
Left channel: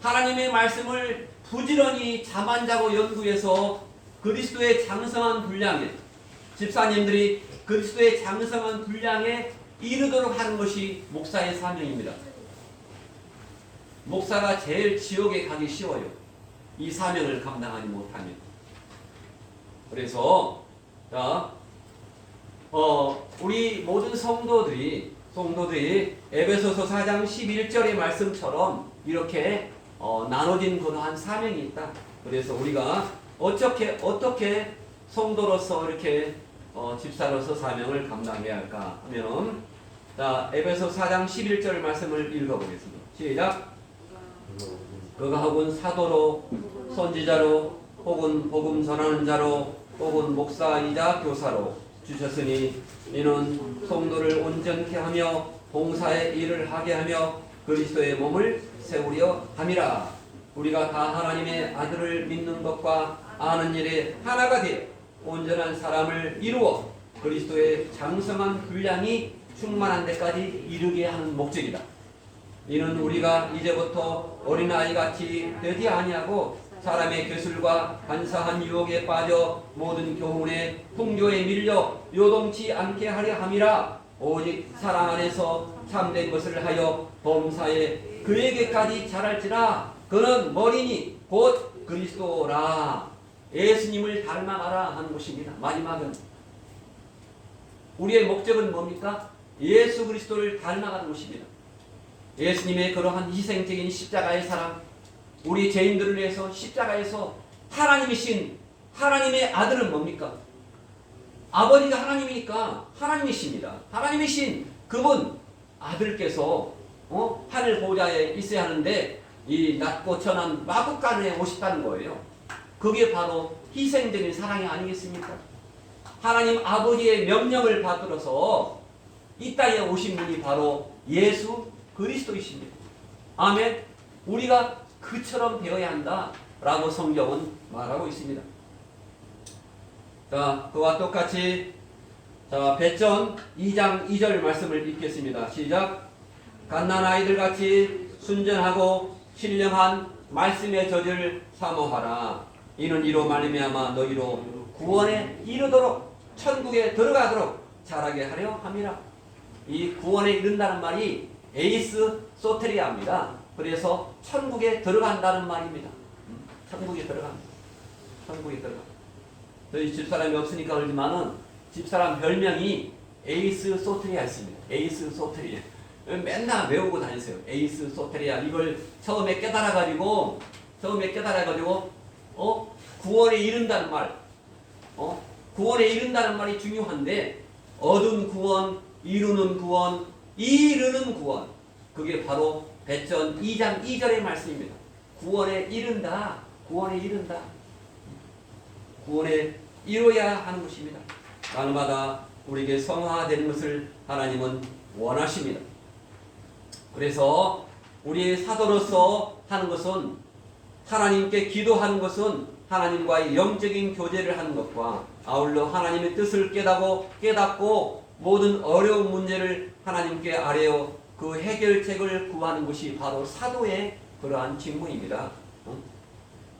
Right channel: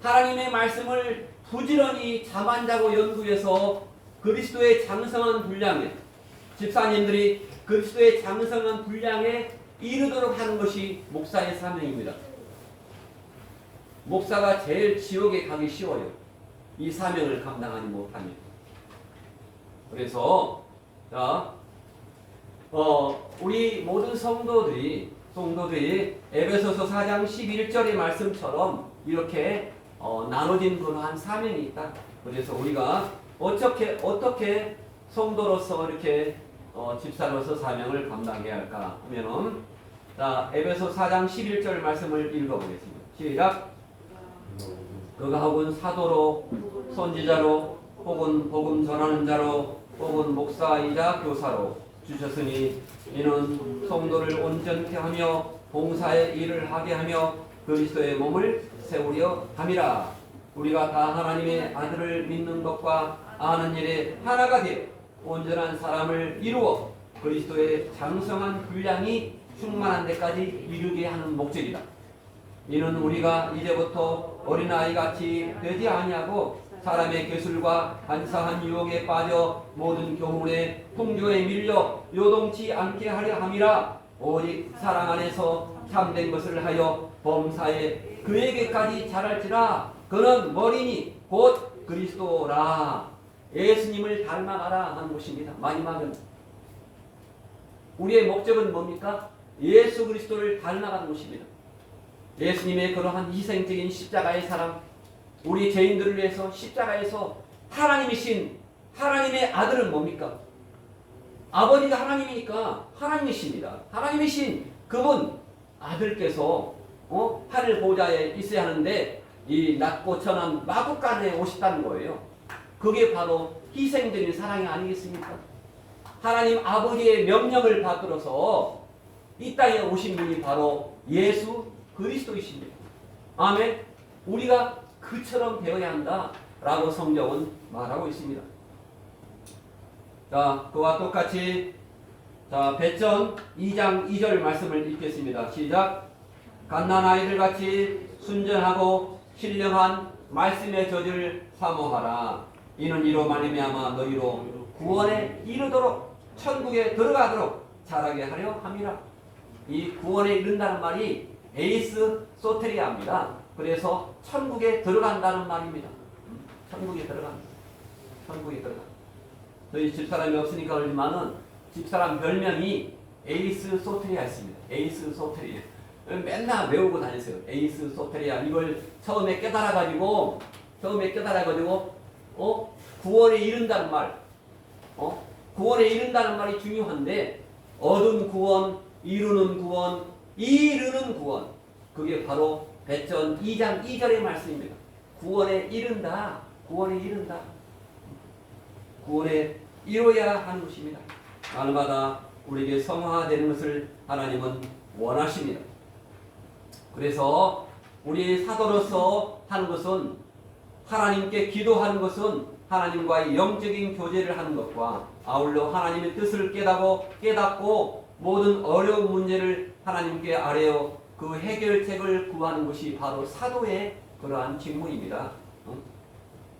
하나님의 말씀을 부지런히 잠 안 자고 연구해서 그리스도의 장성한 분량에, 집사님들이 그리스도의 장성한 분량에 이르도록 하는 것이 목사의 사명입니다. 목사가 제일 지옥에 가기 쉬워요. 이 사명을 감당하지 못하면. 그래서 우리 모든 성도들이 에베소서 4장 11절의 말씀처럼 이렇게 나눠진 그러한 사명이 있다. 그래서 우리가 어떻게 성도로서 이렇게 집사로서 사명을 감당해야 할까 하면은, 자, 에베소 4장 11절 말씀을 읽어보겠습니다. 시작. 그가 혹은 사도로, 선지자로, 혹은 복음 전하는 자로, 혹은 목사이자 교사로 주셨으니 이는 성도를 온전케 하며 봉사의 일을 하게 하며 그리스도의 몸을 세우려 함이라. 우리가 다 하나님의 아들을 믿는 것과 아는 일에 하나가 되어 온전한 사람을 이루어 그리스도의 장성한 분량이 충만한 데까지 이르게 하는 목적이다. 이는 우리가 이제부터 어린아이같이 되지 아니하고 사람의 괴술과 간사한 유혹에 빠져 모든 교훈의 풍조에 밀려 요동치 않게 하려 함이라. 오직 사랑 안에서 참된 것을 하여 범사에 그에게까지 자랄지라. 그는 머리니 곧 그리스도라. 예수님을 닮아가라 하는 것입니다. 마지막은 우리의 목적은 뭡니까? 예수 그리스도를 닮아가는 것입니다. 예수님의 그러한 희생적인 십자가의 사랑, 우리 죄인들을 위해서 십자가에서 하나님이신 하나님의 아들은 뭡니까? 아버지가 하나님이니까 하나님이십니다. 하나님이신 그분 아들께서 하늘 보좌에 있어야 하는데 이 낮고 천한 마구간에 오셨다는 거예요. 그게 바로 희생적인 사랑이 아니겠습니까? 하나님 아버지의 명령을 받들어서 이 땅에 오신 분이 바로 예수 그리스도이십니다. 아멘. 우리가 그처럼 되어야 한다라고 성경은 말하고 있습니다. 자, 그와 똑같이 배전 2장 2절 말씀을 읽겠습니다. 시작. 갓난아이들 같이 순전하고 신령한 말씀의 젖을 사모하라. 이는 이로 말미암아 너희로 구원에 이르도록 천국에 들어가도록 자라게 하려 함이라. 이 구원에 이른다는 말이 에이스 소테리아입니다. 그래서 천국에 들어간다는 말입니다. 천국에 들어간다. 천국에 들어간다. 저희 집사람이 없으니까 그러지만은 집사람 별명이 에이스 소테리아였습니다. 에이스 소테리아. 맨날 외우고 다녔어요. 에이스 소테리아. 이걸 처음에 깨달아가지고 구원에 이른다는 말, 구원에 이른다는 말이 중요한데, 얻은 구원, 이루는 구원, 이르는 구원, 그게 바로 배전 2장 2절의 말씀입니다. 구원에 이른다. 구원에 이른다. 구원에 이뤄야 하는 것입니다. 날마다 우리에게 성화되는 것을 하나님은 원하십니다. 그래서 우리 사도로서 하는 것은, 하나님께 기도하는 것은 하나님과의 영적인 교제를 하는 것과 아울러 하나님의 뜻을 깨닫고 모든 어려운 문제를 하나님께 아뢰어 그 해결책을 구하는 것이 바로 사도의 그러한 직무입니다.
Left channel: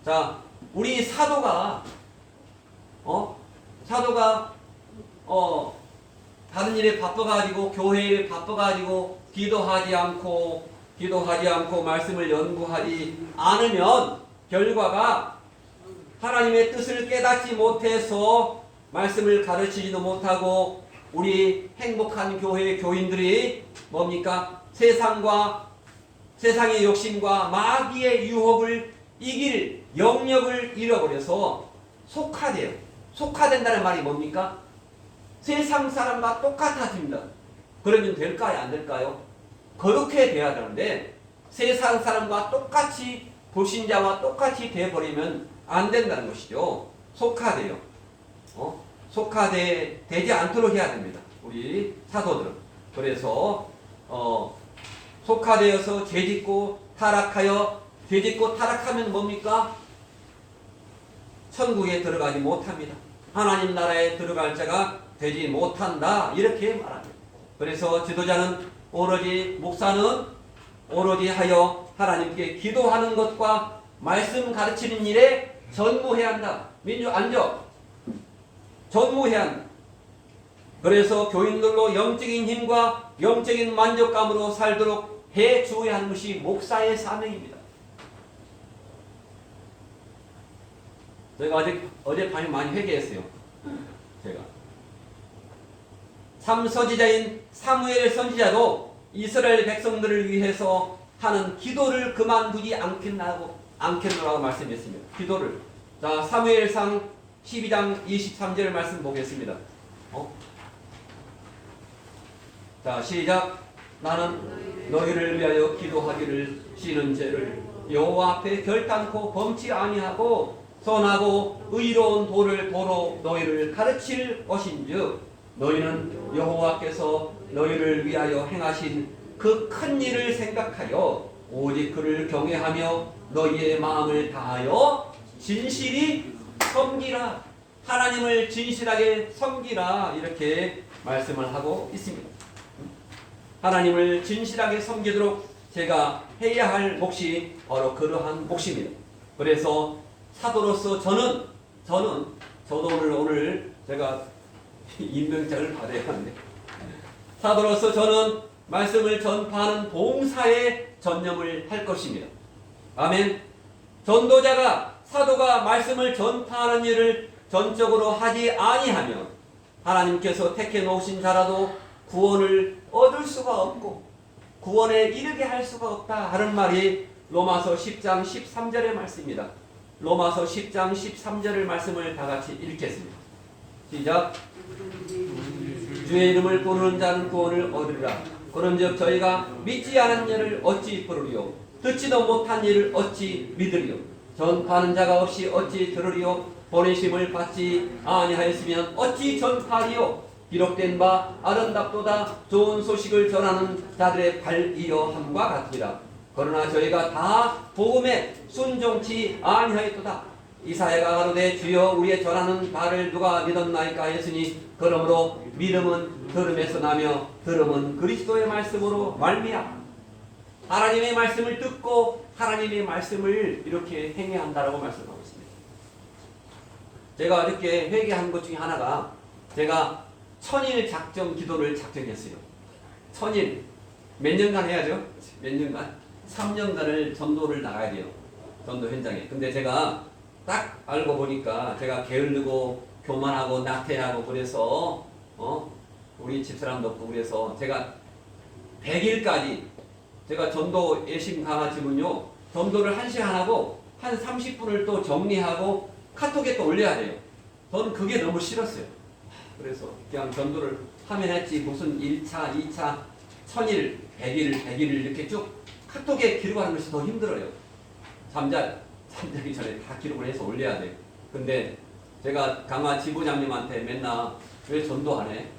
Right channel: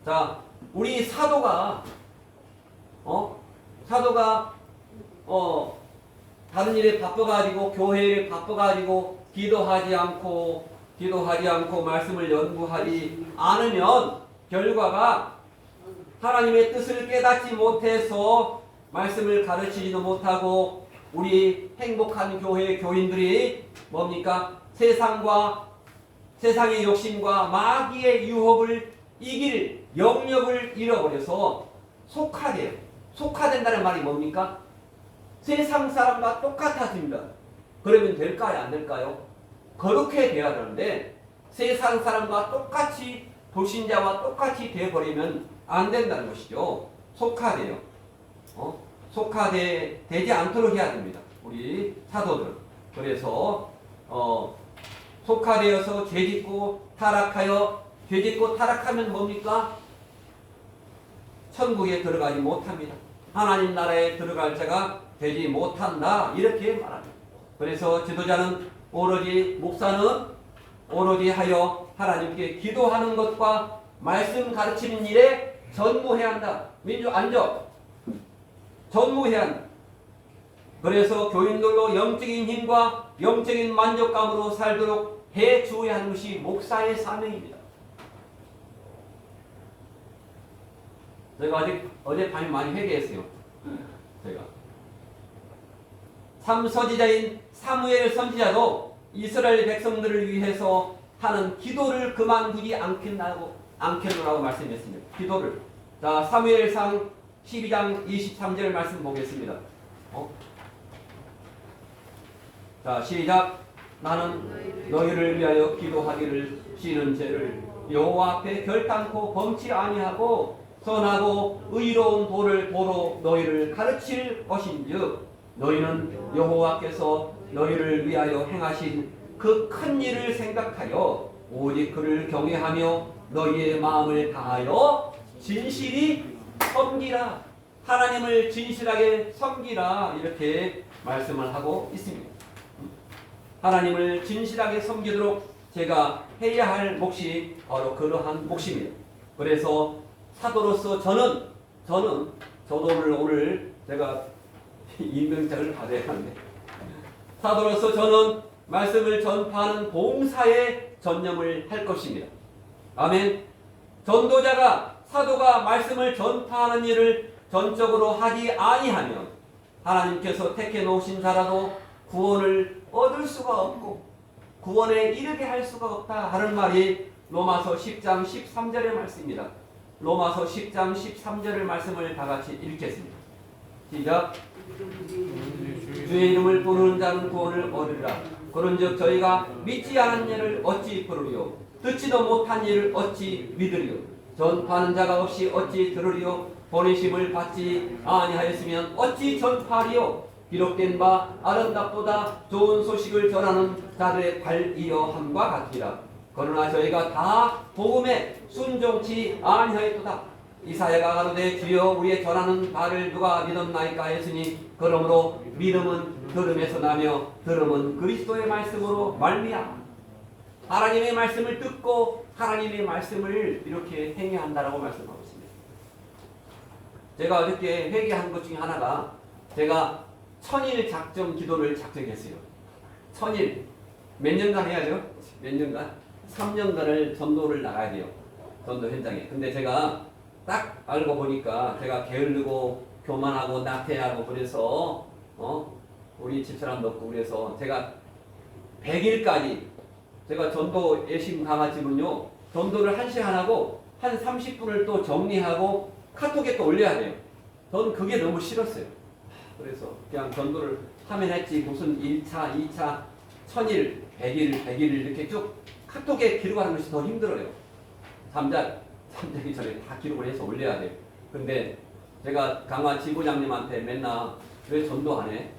자, 우리 사도가 사도가 다른 일에 바빠가지고 교회 일에 바빠가지고 기도하지 않고 말씀을 연구하지 않으면 결과가 하나님의 뜻을 깨닫지 못해서 말씀을 가르치지도 못하고 우리 행복한 교회 교인들이 뭡니까? 세상의 욕심과 마귀의 유혹을 이길 영역을 잃어버려서 속화돼요. 속화된다는 말이 뭡니까? 세상 사람과 똑같아집니다. 그러면 될까요? 안 될까요? 거룩해 돼야 되는데 세상 사람과 똑같이 불신자와 똑같이 돼버리면 안 된다는 것이죠. 속화돼요. 속화되지 않도록 해야 됩니다. 우리 사도들은. 그래서 속화되어서 죄짓고 타락하면 뭡니까? 천국에 들어가지 못합니다. 하나님 나라에 들어갈 자가 되지 못한다. 이렇게 말합니다. 그래서 지도자는 목사는 오로지 하여 하나님께 기도하는 것과 말씀 가르치는 일에 전무해야 한다. 안적. 전무해야 한다. 그래서 교인들로 영적인 힘과 영적인 만족감으로 살도록 해 주어야 하는 것이 목사의 사명입니다. 제가 어젯밤에 많이 회개했어요. 제가. 선지자인 사무엘 선지자도 이스라엘 백성들을 위해서 하는 기도를 그만두지 않겠노라고 말씀했습니다. 기도를. 자, 사무엘상 12장 23절 말씀 보겠습니다. 자, 시작. 나는 너희를 위하여 기도하기를 싫은 죄를 여호와 앞에 결단코 범치 아니하고 선하고 의로운 도로 너희를 가르칠 것인즉 너희는 여호와께서 너희를 위하여 행하신 그 큰 일을 생각하여 오직 그를 경외하며 너희의 마음을 다하여 진실이 섬기라. 하나님을 진실하게 섬기라. 이렇게 말씀을 하고 있습니다. 하나님을 진실하게 섬기도록 제가 해야 할 몫이 바로 그러한 몫입니다. 그래서 사도로서 저도 오늘 제가 임명장을 받아야 하는데 사도로서 저는 말씀을 전파하는 봉사에 전념을 할 것입니다. 아멘. 전도자가 사도가 말씀을 전파하는 일을 전적으로 하지 아니하면 하나님께서 택해 놓으신 자라도 구원을 얻을 수가 없고 구원에 이르게 할 수가 없다 하는 말이 로마서 10장 13절의 말씀입니다. 로마서 10장 13절의 말씀을 다 같이 읽겠습니다. 시작. 주의 이름을 부르는 자는 구원을 얻으리라. 그런즉 저희가 믿지 않은 일을 어찌 부르리요? 듣지도 못한 일을 어찌 믿으리요? 전파하는 자가 없이 어찌 들으리요? 보내심을 받지 아니하였으면 어찌 전파하리요? 기록된 바 아름답도다 좋은 소식을 전하는 자들의 발이여 함과 같으리라. 그러나 저희가 다 복음에 순종치 아니하였도다. 이사야가 가로되 주여 우리의 전하는 바를 누가 믿었나이까 했으니 그러므로 믿음은 들음에서 나며 들음은 그리스도의 말씀으로 말미암아. 하나님의 말씀을 듣고 하나님의 말씀을 이렇게 행해야 한다라고 말씀하고 있습니다. 제가 어저께 회개한 것 중에 하나가 제가 1000일 작정 기도를 작정했어요. 1000일 몇 년간 해야죠? 몇 년간? 3년간을 전도를 나가야 돼요. 전도 현장에. 근데 제가 딱 알고 보니까 제가 게을르고 교만하고 나태하고 그래서 우리 집사람도 없고 그래서 제가 100일까지 제가 전도 예심 강화집은요 전도를 1시간 하고 한 30분을 또 정리하고 카톡에 또 올려야 돼요. 저는 그게 너무 싫었어요. 그래서 그냥 전도를 하면 했지 무슨 1차, 2차, 1000일, 100일 이렇게 쭉 카톡에 기록하는 것이 더 힘들어요. 잠자기 전에 다 기록을 해서 올려야 돼요. 근데 제가 강화 지부장님한테 맨날 왜 전도 안 해?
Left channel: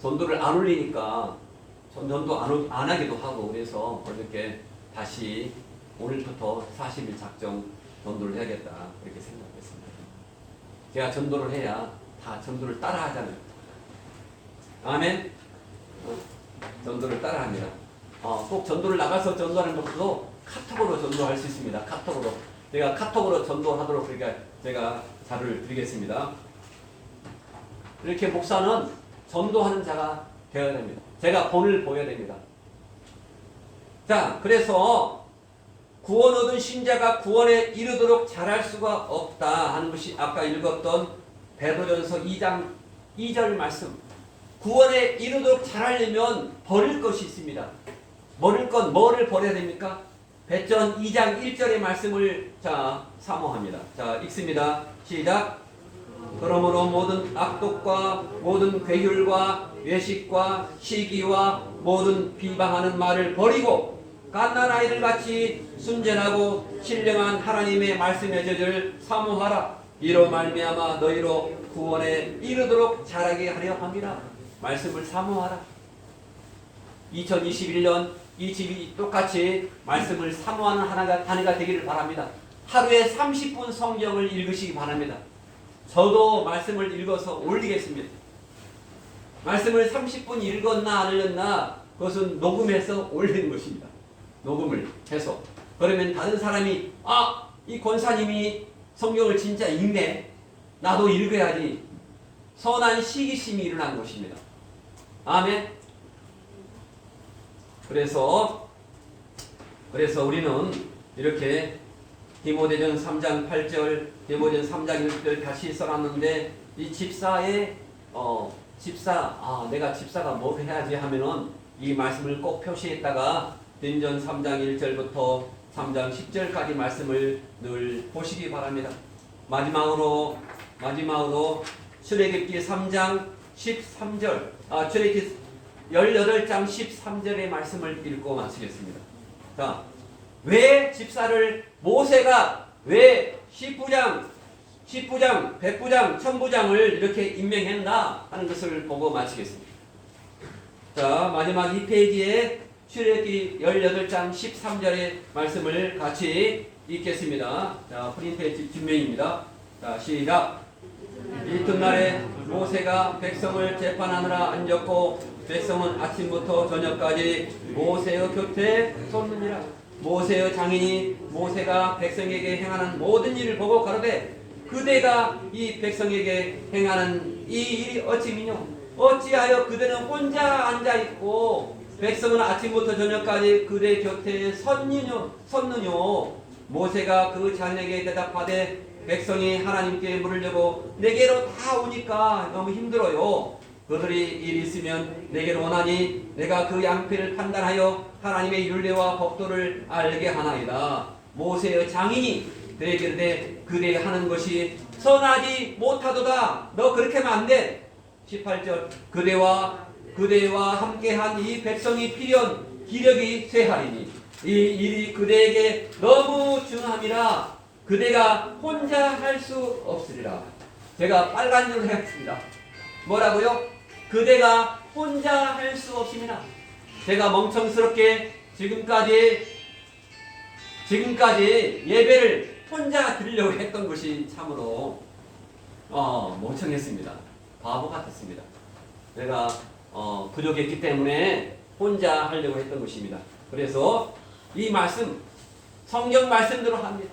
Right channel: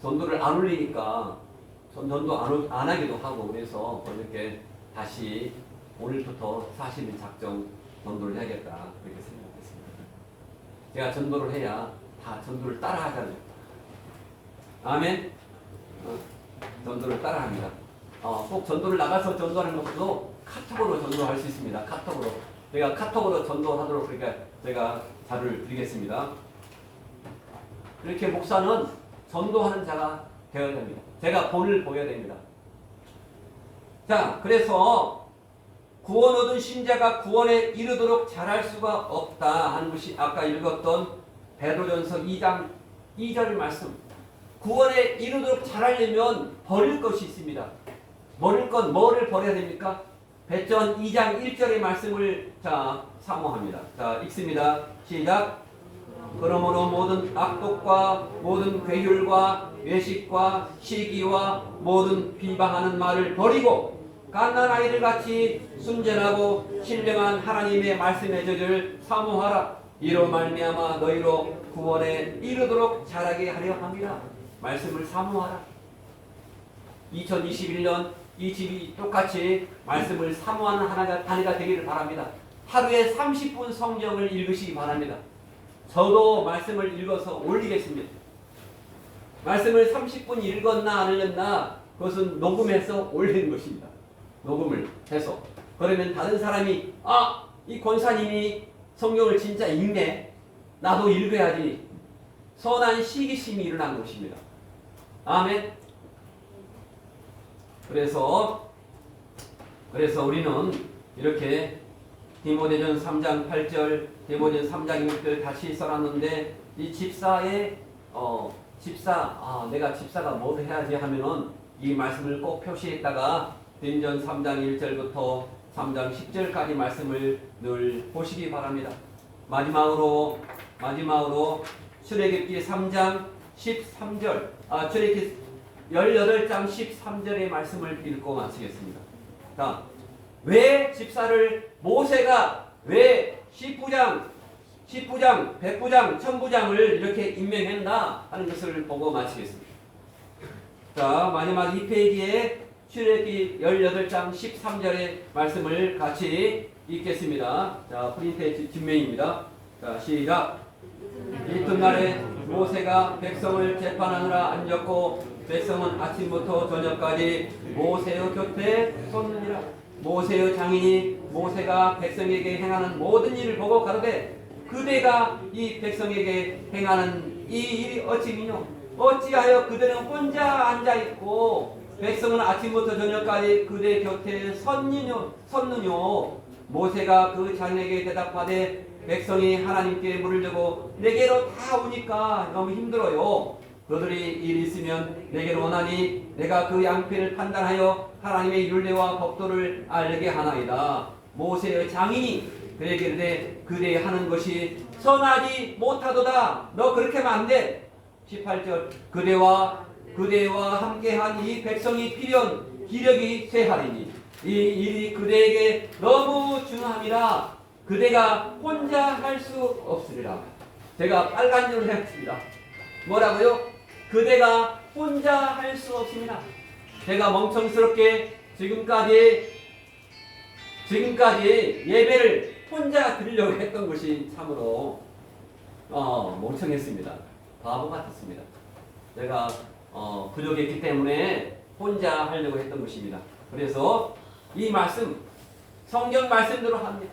전도를 안 올리니까 전도 안 하기도 하고 그래서 어저께 다시 오늘부터 40일 작정 전도를 해야겠다 그렇게 생각했습니다. 제가 전도를 해야 다 전도를 따라 하잖아요. 아멘. 전도를 따라 합니다. 꼭 전도를 나가서 전도하는 것도 카톡으로 전도할 수 있습니다. 카톡으로. 제가 카톡으로 전도하도록 그러니까 제가 자료를 드리겠습니다. 이렇게 목사는 전도하는 자가 되어야 됩니다. 제가 본을 보여야 됩니다. 자, 그래서 구원 얻은 신자가 구원에 이르도록 잘할 수가 없다 하는 것이 아까 읽었던 베드로전서 2장 2절 말씀. 구원에 이르도록 잘하려면 버릴 것이 있습니다. 버릴 건 뭐를 버려야 됩니까? 베드로전 2장 1절의 말씀을 사모합니다. 자, 읽습니다. 시작. 그러므로 모든 악독과 모든 괴율과 외식과 시기와 모든 비방하는 말을 버리고 갓난아이들 같이 순전하고 신령한 하나님의 말씀의 젖을 사모하라. 이로 말미암아 너희로 구원에 이르도록 자라게 하려 합니다. 말씀을 사모하라. 2021년 이 집이 똑같이 말씀을 사모하는 한 해가 되기를 바랍니다. 하루에 30분 성경을 읽으시기 바랍니다. 저도 말씀을 읽어서 올리겠습니다. 말씀을 30분 읽었나 안 읽었나 그것은 녹음해서 올리는 것입니다. 녹음을 해서. 그러면 다른 사람이 이 권사님이 성경을 진짜 읽네. 나도 읽어야지. 선한 시기심이 일어난 것입니다. 아멘. 그래서 우리는 이렇게 디모데전 3장 8절, 디모데전 3장 1절 다시 써놨는데 이 집사의 내가 집사가 뭘 해야지 하면은 이 말씀을 꼭 표시했다가 디모데전 3장 1절부터 3장 10절까지 말씀을 늘 보시기 바랍니다. 마지막으로 출애굽기 3장 13절, 출애굽기 18장 13절의 말씀을 읽고 마치겠습니다. 자, 왜 집사를 모세가 왜 10부장, 100부장, 1000부장을 이렇게 임명했나 하는 것을 보고 마치겠습니다. 자, 마지막 이 페이지에 출애굽기 18장 13절의 말씀을 같이 읽겠습니다. 자, 프린트의 뒷면입니다. 자, 시작. 이튿날에 모세가 백성을 재판하느라 앉았고 백성은 아침부터 저녁까지 모세의 곁에 섰느니라. 모세의 장인이 모세가 백성에게 행하는 모든 일을 보고 가로되 그대가 이 백성에게 행하는 이 일이 어찌미뇨? 어찌하여 그대는 혼자 앉아있고 백성은 아침부터 저녁까지 그대 곁에 섰느뇨? 모세가 그 장인에게 대답하되 백성이 하나님께 물으려고 내게로 다 오니까 너무 힘들어요. 그들이 일이 있으면 내게로 오나니 내가 그 양피를 판단하여 하나님의 율례와 법도를 알게 하나이다. 모세의 장인이 그에게 이르되 그대 하는 것이 선하지 못하도다. 너 그렇게 하면 안 돼. 18절 그대와 함께한 이 백성이 필연 기력이 쇠하리니 이 일이 그대에게 너무 중함이라 그대가 혼자 할 수 없으리라. 제가 빨간 줄을 했습니다. 뭐라고요? 그대가 혼자 할 수 없습니다. 제가 멍청스럽게 지금까지 예배를 혼자 드리려고 했던 것이 참으로 멍청했습니다. 바보 같았습니다. 제가 부족했기 때문에 혼자 하려고 했던 것입니다. 그래서 이 말씀 성경 말씀대로 합니다.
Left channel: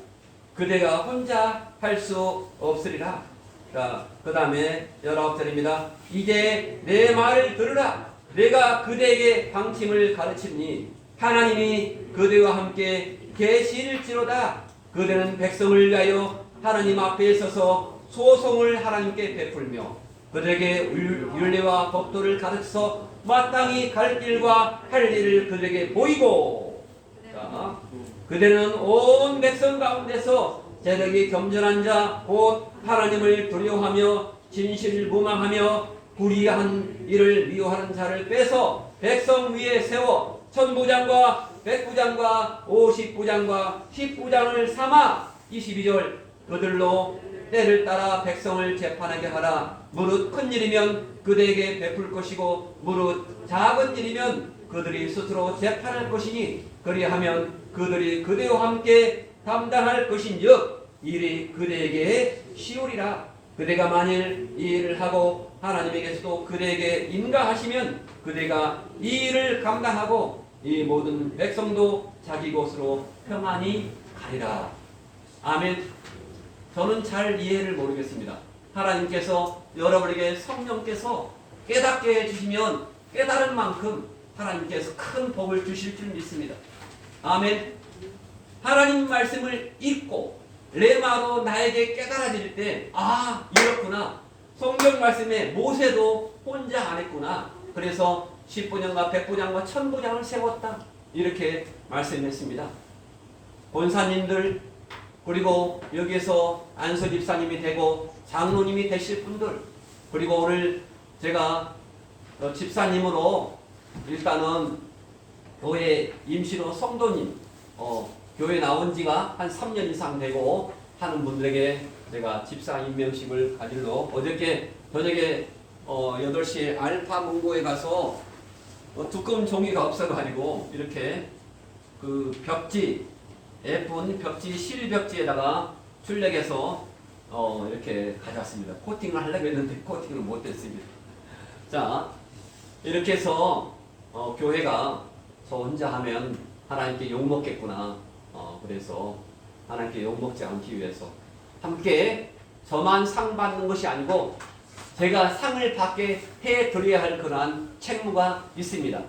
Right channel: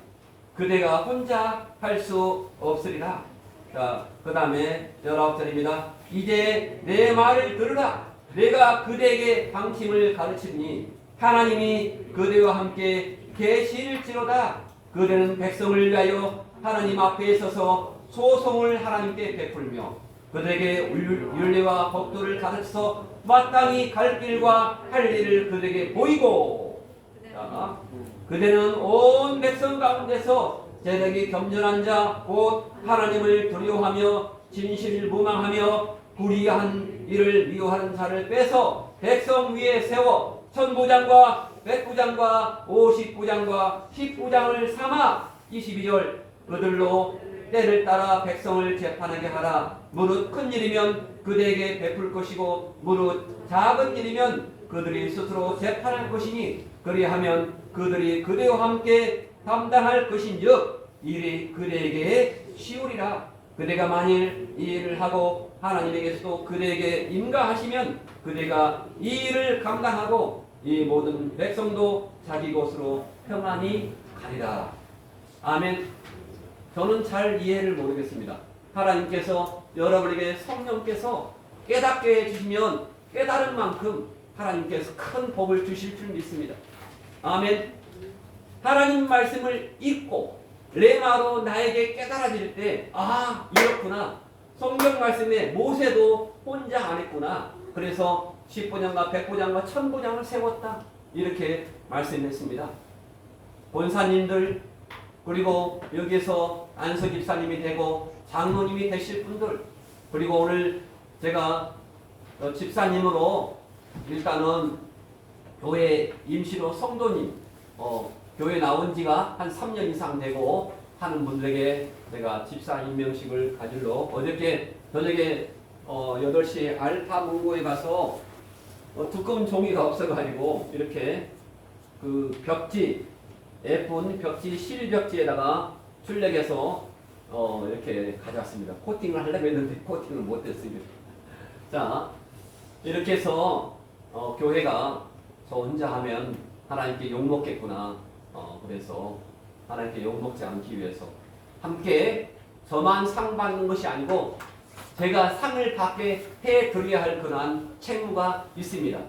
그대가 혼자 할 수 없으리라. 자, 그 다음에 19절입니다. 이제 내 말을 들으라. 내가 그대에게 방침을 가르치니 하나님이 그대와 함께 계실지로다. 그대는 백성을 위하여 하나님 앞에 서서 소송을 하나님께 베풀며 그들에게 율례와 법도를 가르쳐서 마땅히 갈 길과 할 일을 그들에게 보이고. 자, 그대는 온 백성 가운데서 재력이 겸손한 자 곧 하나님을 두려워하며 진실무망하며 불의한 일을 미워하는 자를 빼서 백성 위에 세워 1000부장과 100부장과 50부장과 10부장을 삼아 22절 그들로 때를 따라 백성을 재판하게 하라. 무릇 큰 일이면 그대에게 베풀 것이고 무릇 작은 일이면 그들이 스스로 재판할 것이니 그리하면 그들이 그대와 함께 담당할 것인즉 일이 그대에게 쉬우리라. 그대가 만일 이 일을 하고 하나님에게서도 그대에게 인가하시면 그대가 이 일을 감당하고 이 모든 백성도 자기 곳으로 평안히 가리라. 아멘. 저는 잘 이해를 모르겠습니다. 하나님께서 여러분에게 성령께서 깨닫게 해주시면 깨달은 만큼 하나님께서 큰 복을 주실 줄 믿습니다. 아멘. 하나님 말씀을 읽고 레마로 나에게 깨달아질 때, 아, 이렇구나. 성경 말씀에 모세도 혼자 안 했구나. 그래서 10분양과 100분양과 1000분양을 세웠다. 이렇게 말씀했습니다. 권사님들, 그리고 여기서 안서 집사님이 되고 장로님이 되실 분들, 그리고 오늘 제가 집사님으로 일단은 교회 임시로 성도님, 교회 나온 지가 한 3년 이상 되고 하는 분들에게 제가 집사 임명식을 가질러 어저께 저녁에 8시에 알파 문고에 가서 두꺼운 종이가 없어가지고 이렇게 그 벽지, 예쁜 벽지, 실벽지에다가 출력해서 이렇게 가져왔습니다. 코팅을 하려고 했는데 코팅을 못했습니다. 자, 이렇게 해서 교회가 저 혼자 하면 하나님께 욕먹겠구나. 그래서 하나님께 욕먹지 않기 위해서 함께 저만 상 받는 것이 아니고 제가 상을 받게 해드려야 할 그러한 책무가 있습니다.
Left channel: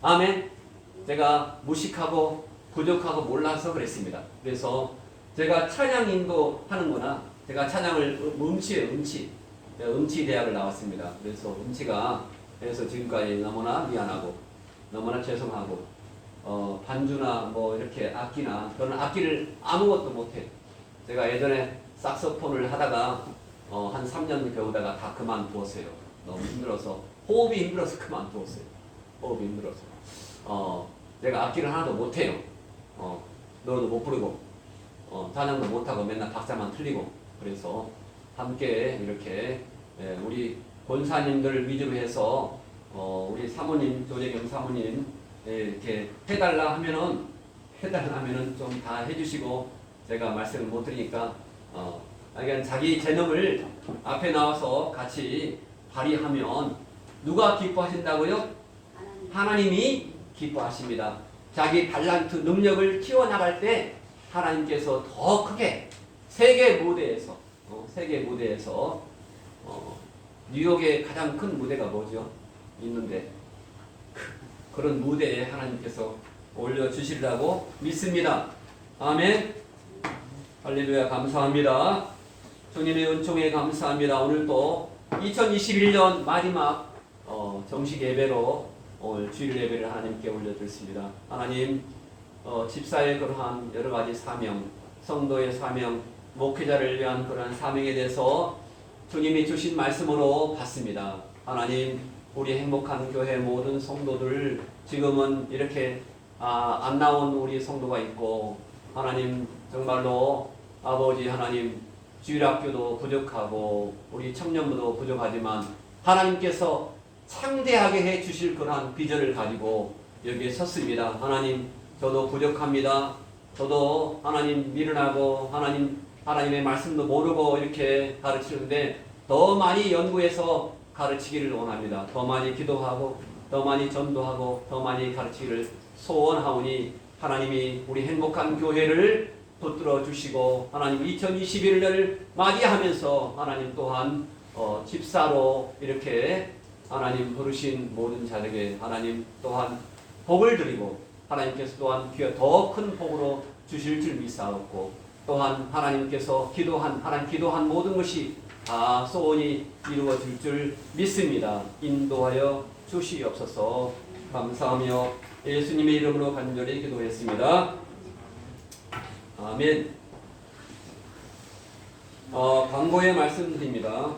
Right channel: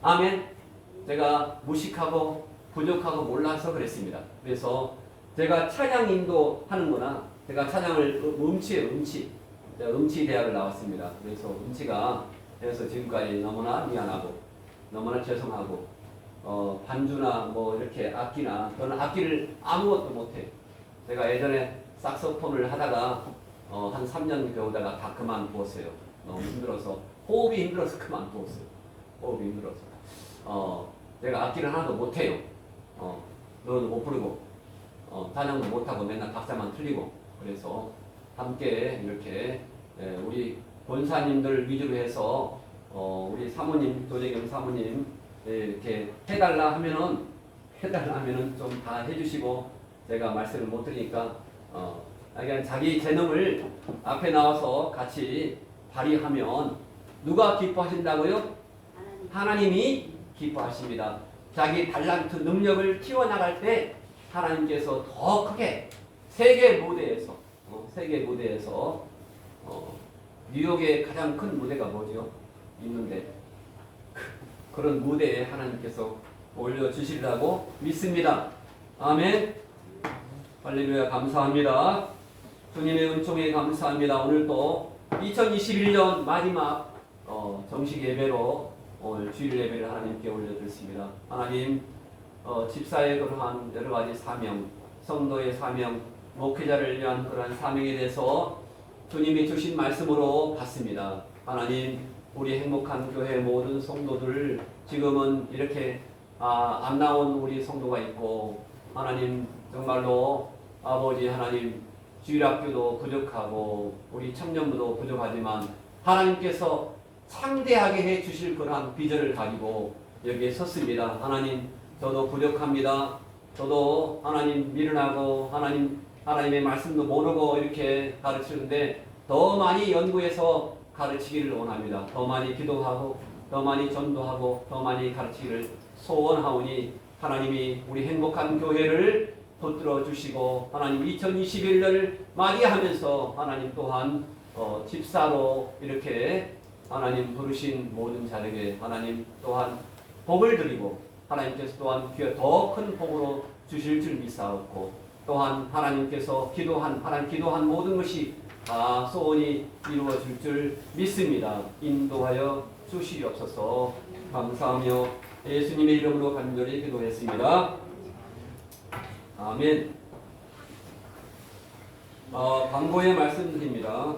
아멘. 제가 무식하고 부족하고 몰라서 그랬습니다. 그래서 제가 찬양 인도하는 거나 제가 찬양을 음치예요. 음치 대학을 나왔습니다. 그래서 음치가 그래서 지금까지 너무나 미안하고 너무나 죄송하고 반주나 뭐 이렇게 악기나 저는 악기를 아무것도 못해요. 제가 예전에 sakso폰을 하다가 한 3년 배우다가 다 그만두었어요. 너무 힘들어서 호흡이 힘들어서 그만두었어요. 호흡이 힘들어서 제가 악기를 하나도 못해요. 노래도 못 부르고 찬양도 못하고 맨날 박자만 틀리고 그래서 함께 이렇게 우리 권사님들 위주로 해서 우리 사모님 조재경 사모님 이렇게 해달라 하면은 좀 다 해주시고 제가 말씀을 못 드리니까 그냥 자기 재능을 앞에 나와서 같이 발휘하면 누가 기뻐하신다고요? 하나님이 기뻐하십니다. 자기 달란트 능력을 키워나갈 때 하나님께서 더 크게 세계 무대에서 뉴욕의 가장 큰 무대가 뭐죠? 있는데 그런 무대에 하나님께서 올려주시리라고 믿습니다. 아멘. 할렐루야. 감사합니다. 주님의 은총에 감사합니다. 오늘 또 2021년 마지막 정식 예배로 오늘 주일 예배를 하나님께 올려드렸습니다. 하나님 집사의 그러한 여러 가지 사명, 성도의 사명, 목회자를 위한 그러한 사명에 대해서 주님이 주신 말씀으로 봤습니다. 하나님 우리 행복한 교회 모든 성도들 지금은 이렇게 안 나온 우리 성도가 있고 하나님 정말로 아버지 하나님 주일학교도 부족하고 우리 청년부도 부족하지만 하나님께서 창대하게 해 주실 그러한 비전을 가지고 여기에 섰습니다. 하나님 저도 부족합니다. 저도 하나님 미련하고 하나님의 말씀도 모르고 이렇게 가르치는데 더 많이 연구해서 가르치기를 원합니다. 더 많이 기도하고 더 많이 전도하고 더 많이 가르치기를 소원하오니 하나님이 우리 행복한 교회를 붙들어 주시고 하나님 2021년을 맞이하면서 하나님 또한 집사로 이렇게 하나님 부르신 모든 자에게 하나님 또한 복을 드리고 하나님께서 또한 더 큰 복으로 주실 줄 믿사옵고 또한 하나님께서 기도한 모든 것이 다 소원이 이루어질 줄 믿습니다. 인도하여 주시옵소서. 감사하며 예수님의 이름으로 간절히 기도했습니다. 아멘. 광고에 말씀드립니다.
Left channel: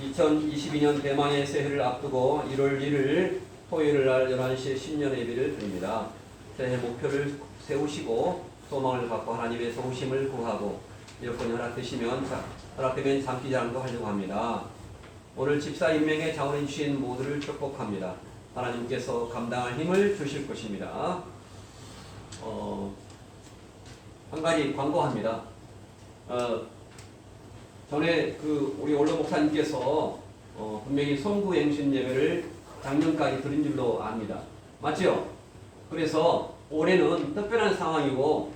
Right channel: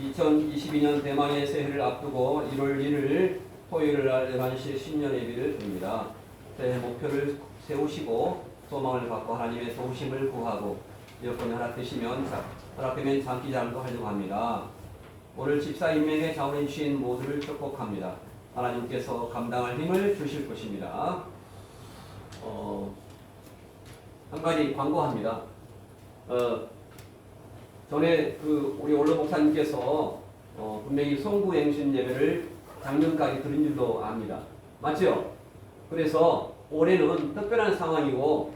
2022년 대만의 새해를 앞두고 1월 1일 토요일 날 11시에 신년 예배를 드립니다. 새해 목표를 세우시고 소망을 갖고 하나님의 도우심을 구하고 여건이 허락되면 장기자랑도 하려고 합니다. 오늘 집사 임명에 자원해 주신 모두를 축복합니다. 하나님께서 감당할 힘을 주실 것입니다. 한 가지 광고합니다. 전에 우리 원로 목사님께서 분명히 송구행신 예배를 작년까지 드린 줄로 압니다. 맞죠? 그래서 올해는 특별한 상황이고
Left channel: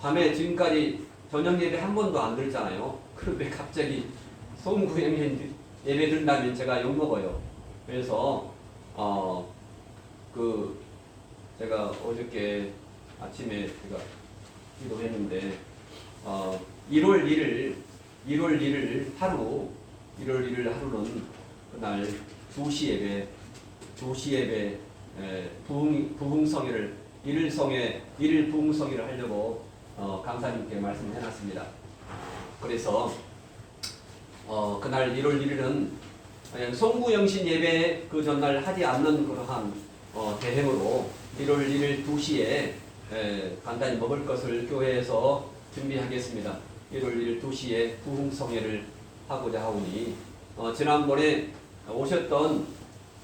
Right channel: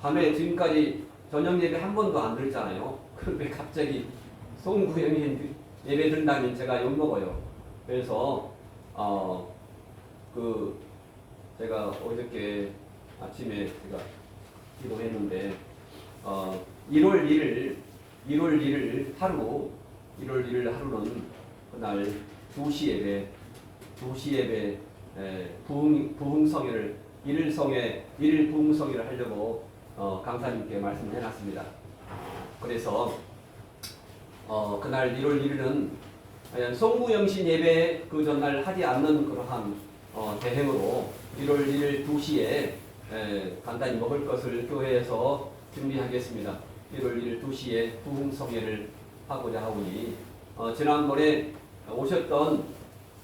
밤에 지금까지 저녁 예배 한 번도 안 드렸잖아요. 그런데 갑자기 송구형이 예배 드린다면 제가 욕먹어요. 그래서 제가 어저께 아침에 제가 기도했는데 1월 1일 하루는 그날 2시 예배 부흥성회를 1일 부흥성회를 하려고 강사님께 말씀해 놨습니다. 그래서 그날 1월 1일은 송구영신 예배 그 전날 하지 않는 그러한 대행으로 1월 1일 2시에 간단히 먹을 것을 교회에서 준비하겠습니다. 1월 1일 2시에 부흥성회를 하고자 하오니 지난번에 오셨던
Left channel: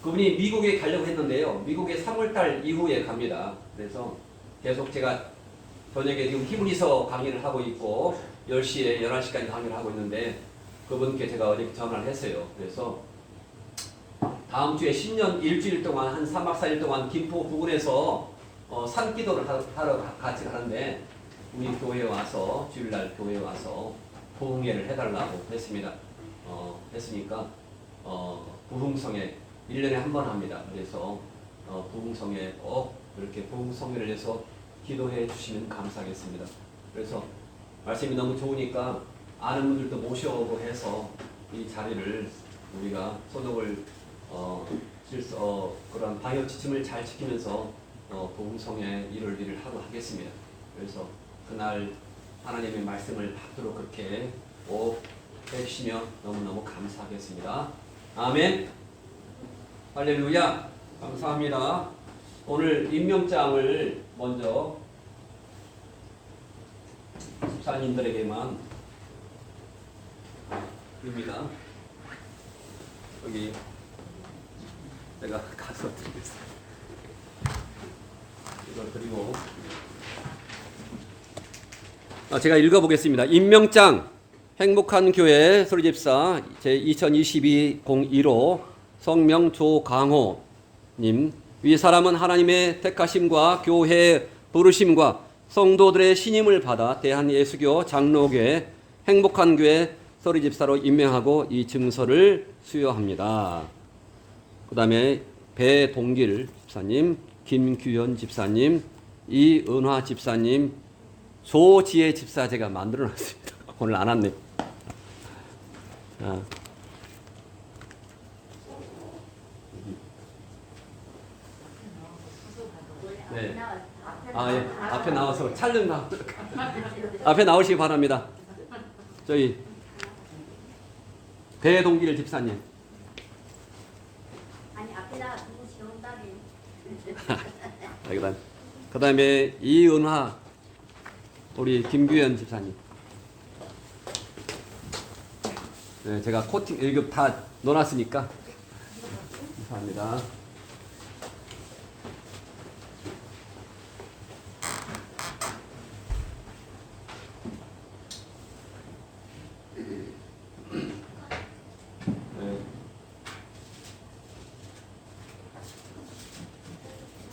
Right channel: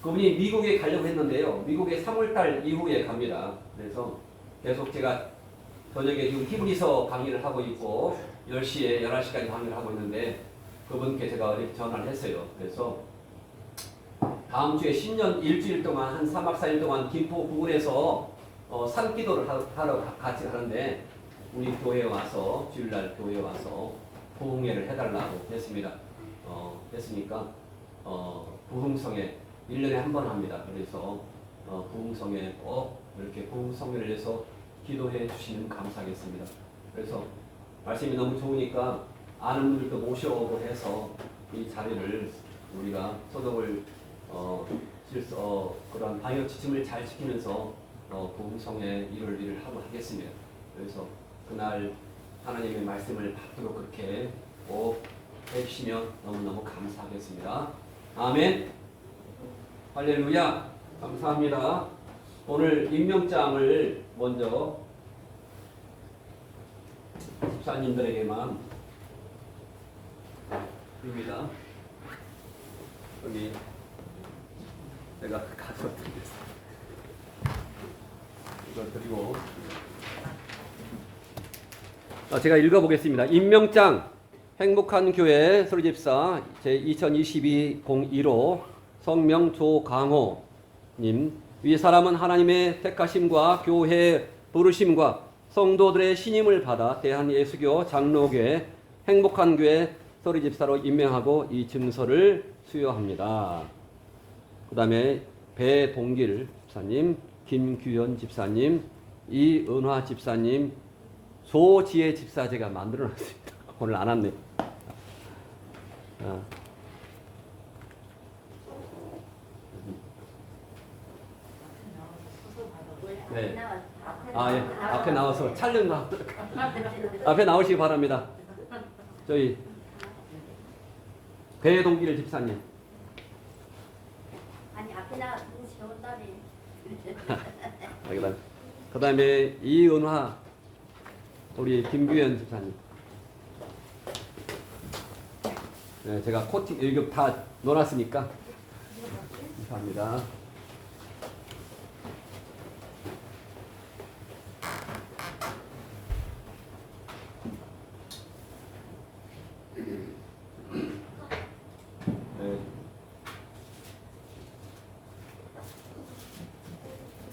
그분이 미국에 가려고 했는데요. 미국에 3월달 이후에 갑니다. 그래서 계속 제가 저녁에 지금 히브리서 강의를 하고 있고 10시에 11시까지 강의를 하고 있는데 그분께 제가 어제 전화를 했어요. 그래서 다음 주에 신년 일주일 동안 한 3박 4일 동안 김포 부근에서 산기도를 하러 같이 가는데 우리 교회에 와서 주일날 교회에 와서 부흥회를 해달라고 했습니다. 했으니까 부흥성회 1년에 한 번 합니다. 그래서 부흥성회 꼭 이렇게 부흥성회를 위해서 기도해 주시면 감사하겠습니다. 그래서 말씀이 너무 좋으니까 아는 분들도 모셔오고 해서 이 자리를 우리가 소독을 그런 방역 지침을 잘 지키면서 부흥성회 1월 1일 하고 하겠습니다. 그래서 그날 하나님의 말씀을 받도록 그렇게 꼭 해주시면 너무너무 감사하겠습니다. 아멘. 할렐루야. 감사합니다. 오늘 임명장을 먼저 집사님들에게만 드립니다. 여기 제가 가서 드리겠습니다. 이걸 그리고 제가 읽어보겠습니다. 임명장 행복한 교회 소리집사 제2022-01호 성명 조강호님. 위 사람은 하나님의 택하심과 교회의 부르심과 성도들의 신임을 받아 대한예수교 장로교회 행복한 교회 소리집사로 임명하고 이 증서를 수여합니다. 그 다음에 배동길 집사님, 김규현 집사님, 이은화 집사님, 조지혜 집사 제가 만들어놨습니다. 오늘 안 왔네요. 네. 예. 앞에 나와서 촬영만 앞에 나오시기 바랍니다. 저희 배동길 집사님. 아니 앞에 나가 누구시 온다니. 그 다음에 이은화 우리 김규현 집사님. 네, 제가 코팅 이거 다 넣어놨으니까 감사합니다.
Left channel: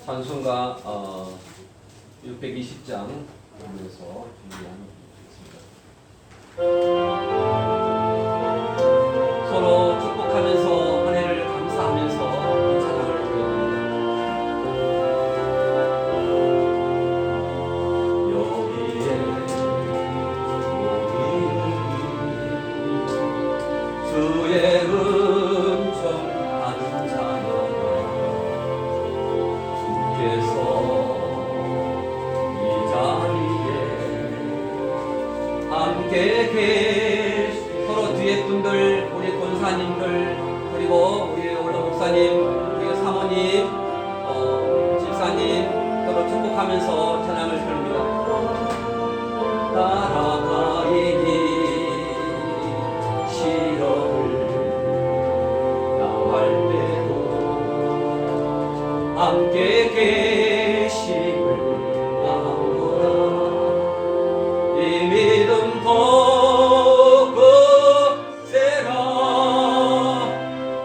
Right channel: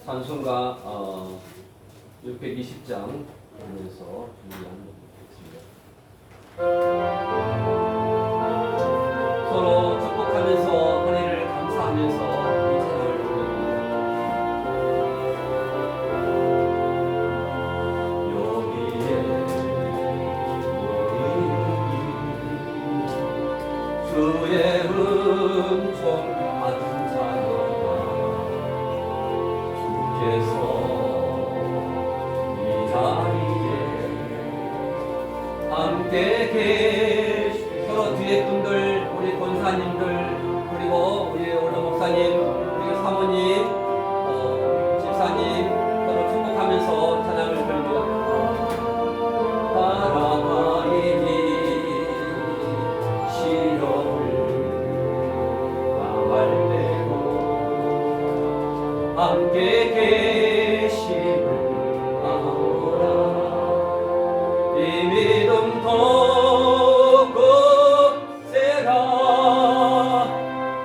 찬송가 620장 보면서 준비하는 서로 축복하면서 은혜를 감사하면서 이 찬양을 부릅니다. 여기에 주의 은총 받은 자녀가 이 자리에 함께 서로 뒤에 분들 우리 권사님들 그리고 우리 올라 목사님 그리고 사모님 집사님 서로 축복하면서 찬양을 드립니다. 따라가이니 시험을 당할 때도 함께 계심을 아노라. 이 믿음 더 거세라.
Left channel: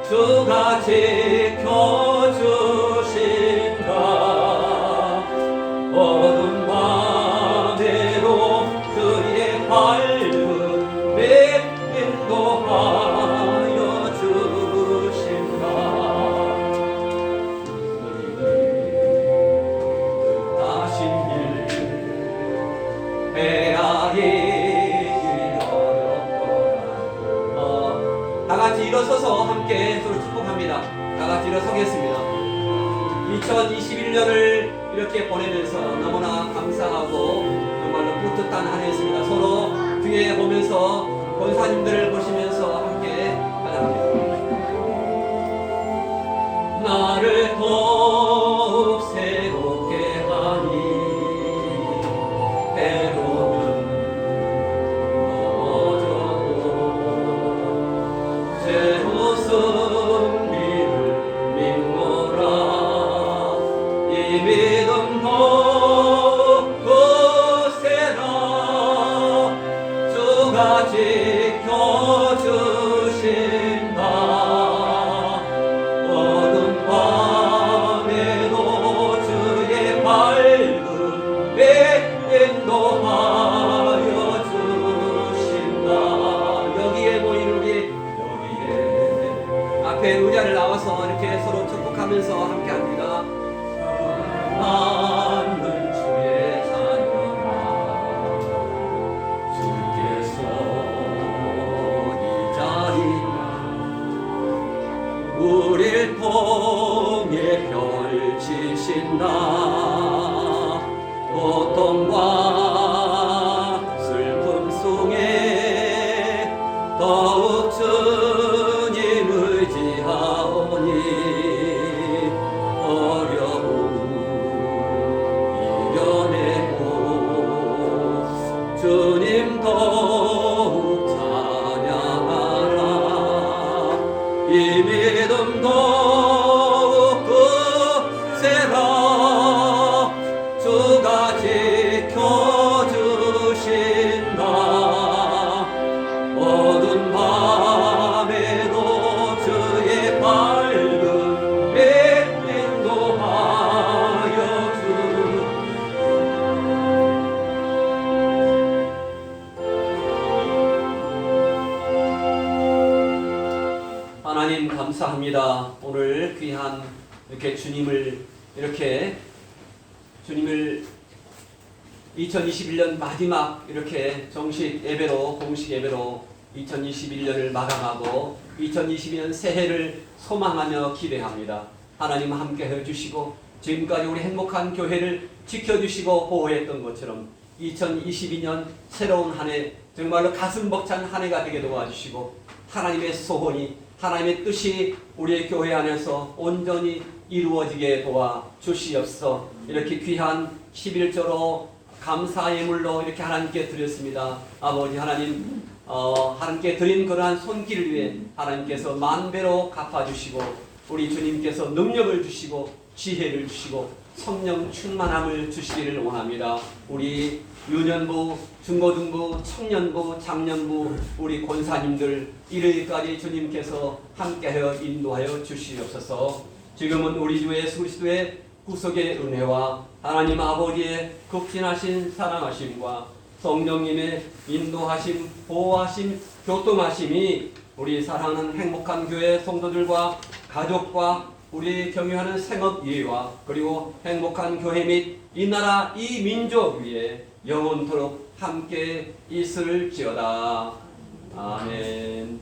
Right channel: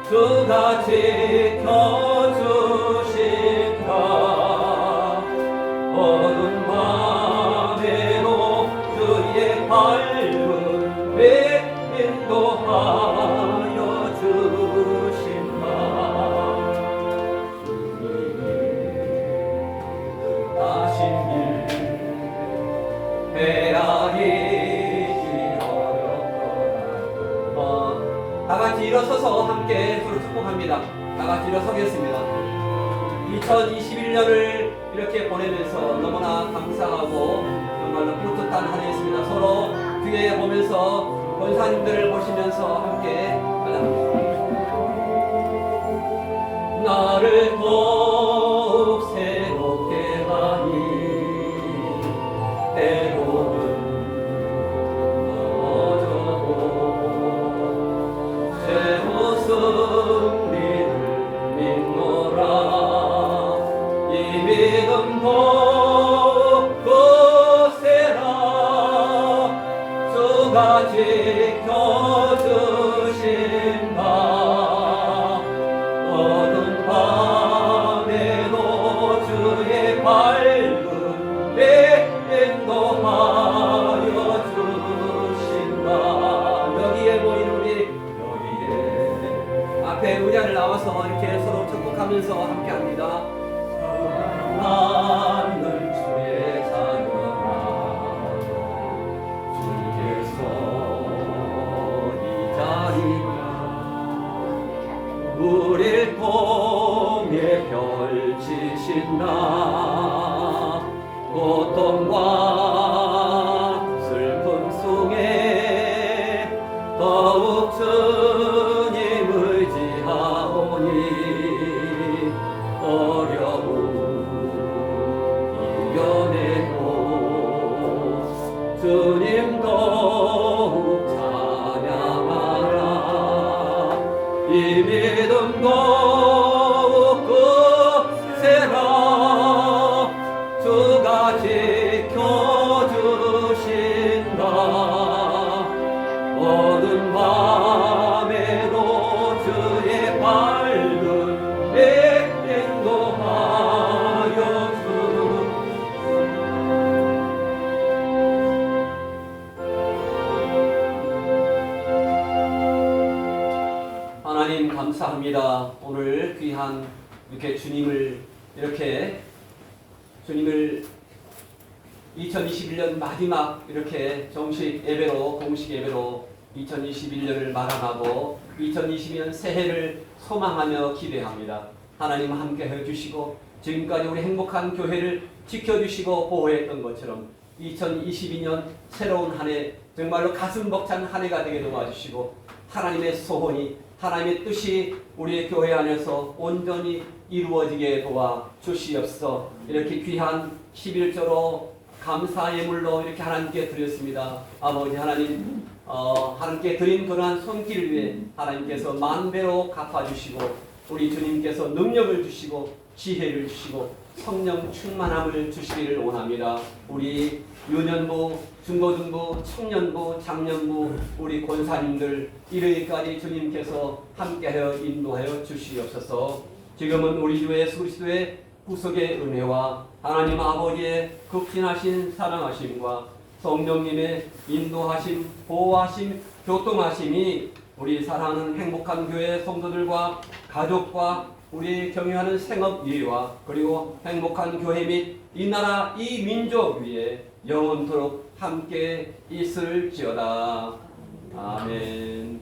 주가 같이 일어서겠습니다. 2021년을 이렇게 보내면서 너무나 감사하고 정말로 뿌듯한 한 해였습니다. 서로 뒤에 보면서 권사님들을 보시면서 함께 찬양합니다. 나를 더욱 새롭게 하니 때로는 넘어져도 새로 승리를 믿노라. 이 믿음 더욱 거세라. 주가 지켜주신다. 어두운 밤에도 주의 밝은 배 인도하여 주신다. 여기에 모인 우리 여기에 앞에 의자를 나와서 이렇게 서로 축복하면서 함께합니다. 나는 주의 자녀라. 주께서 이 자리가 우릴 통해 펼치신다. 고통과 슬픔 속에 더욱 주님 의지하오니 어려움 이겨내고 주님 더욱 찬양하라. 이 믿음 더욱 거세라. 주가 지켜주신다. 어두운 밤에도 주의 밝은 배 인도하여 주. 하나님 감사합니다. 오늘 귀한 이렇게 주님을 2021년 마지막 이렇게 정식 예배로 공식 예배로 2021년을 마감하고 2022년 새해를 소망하며 기대합니다. 하나님 함께 해주시고 지금까지 우리 행복한 교회를 지켜주시고 보호했던 것처럼 2022년 새로운 한 해 정말로 가슴 벅찬 한 해가 되게 도와주시고 하나님의 소원이 하나님의 뜻이 우리의 교회 안에서 온전히 이루어지게 도와주시옵소서. 이렇게 귀한 11조로 감사 예물로 이렇게 하나님께 드렸습니다. 아버지 하나님 하나님께 드린 그러한 손길을 위해 하나님께서 만배로 갚아주시고 우리 주님께서 능력을 주시고 지혜를 주시고 성령 충만함을 주시기를 원합니다. 우리 유년부, 중고등부, 청년부, 장년부 우리 권사님들 일요일까지 주님께서 함께하여 인도하여 주시옵소서. 지금은 우리 주 예수 그리스도의 구속의 은혜와 하나님 아버지의 극진하신 사랑하심과 성령님의 인도하심, 보호하심, 교통하심이 우리 사랑하는 행복한 교회 성도들과 가족과 우리 경유하는 생업 위에와 그리고 행복한 교회 및 이 나라 이 민족 위에 영원토록 함께 있을지어다. 아멘.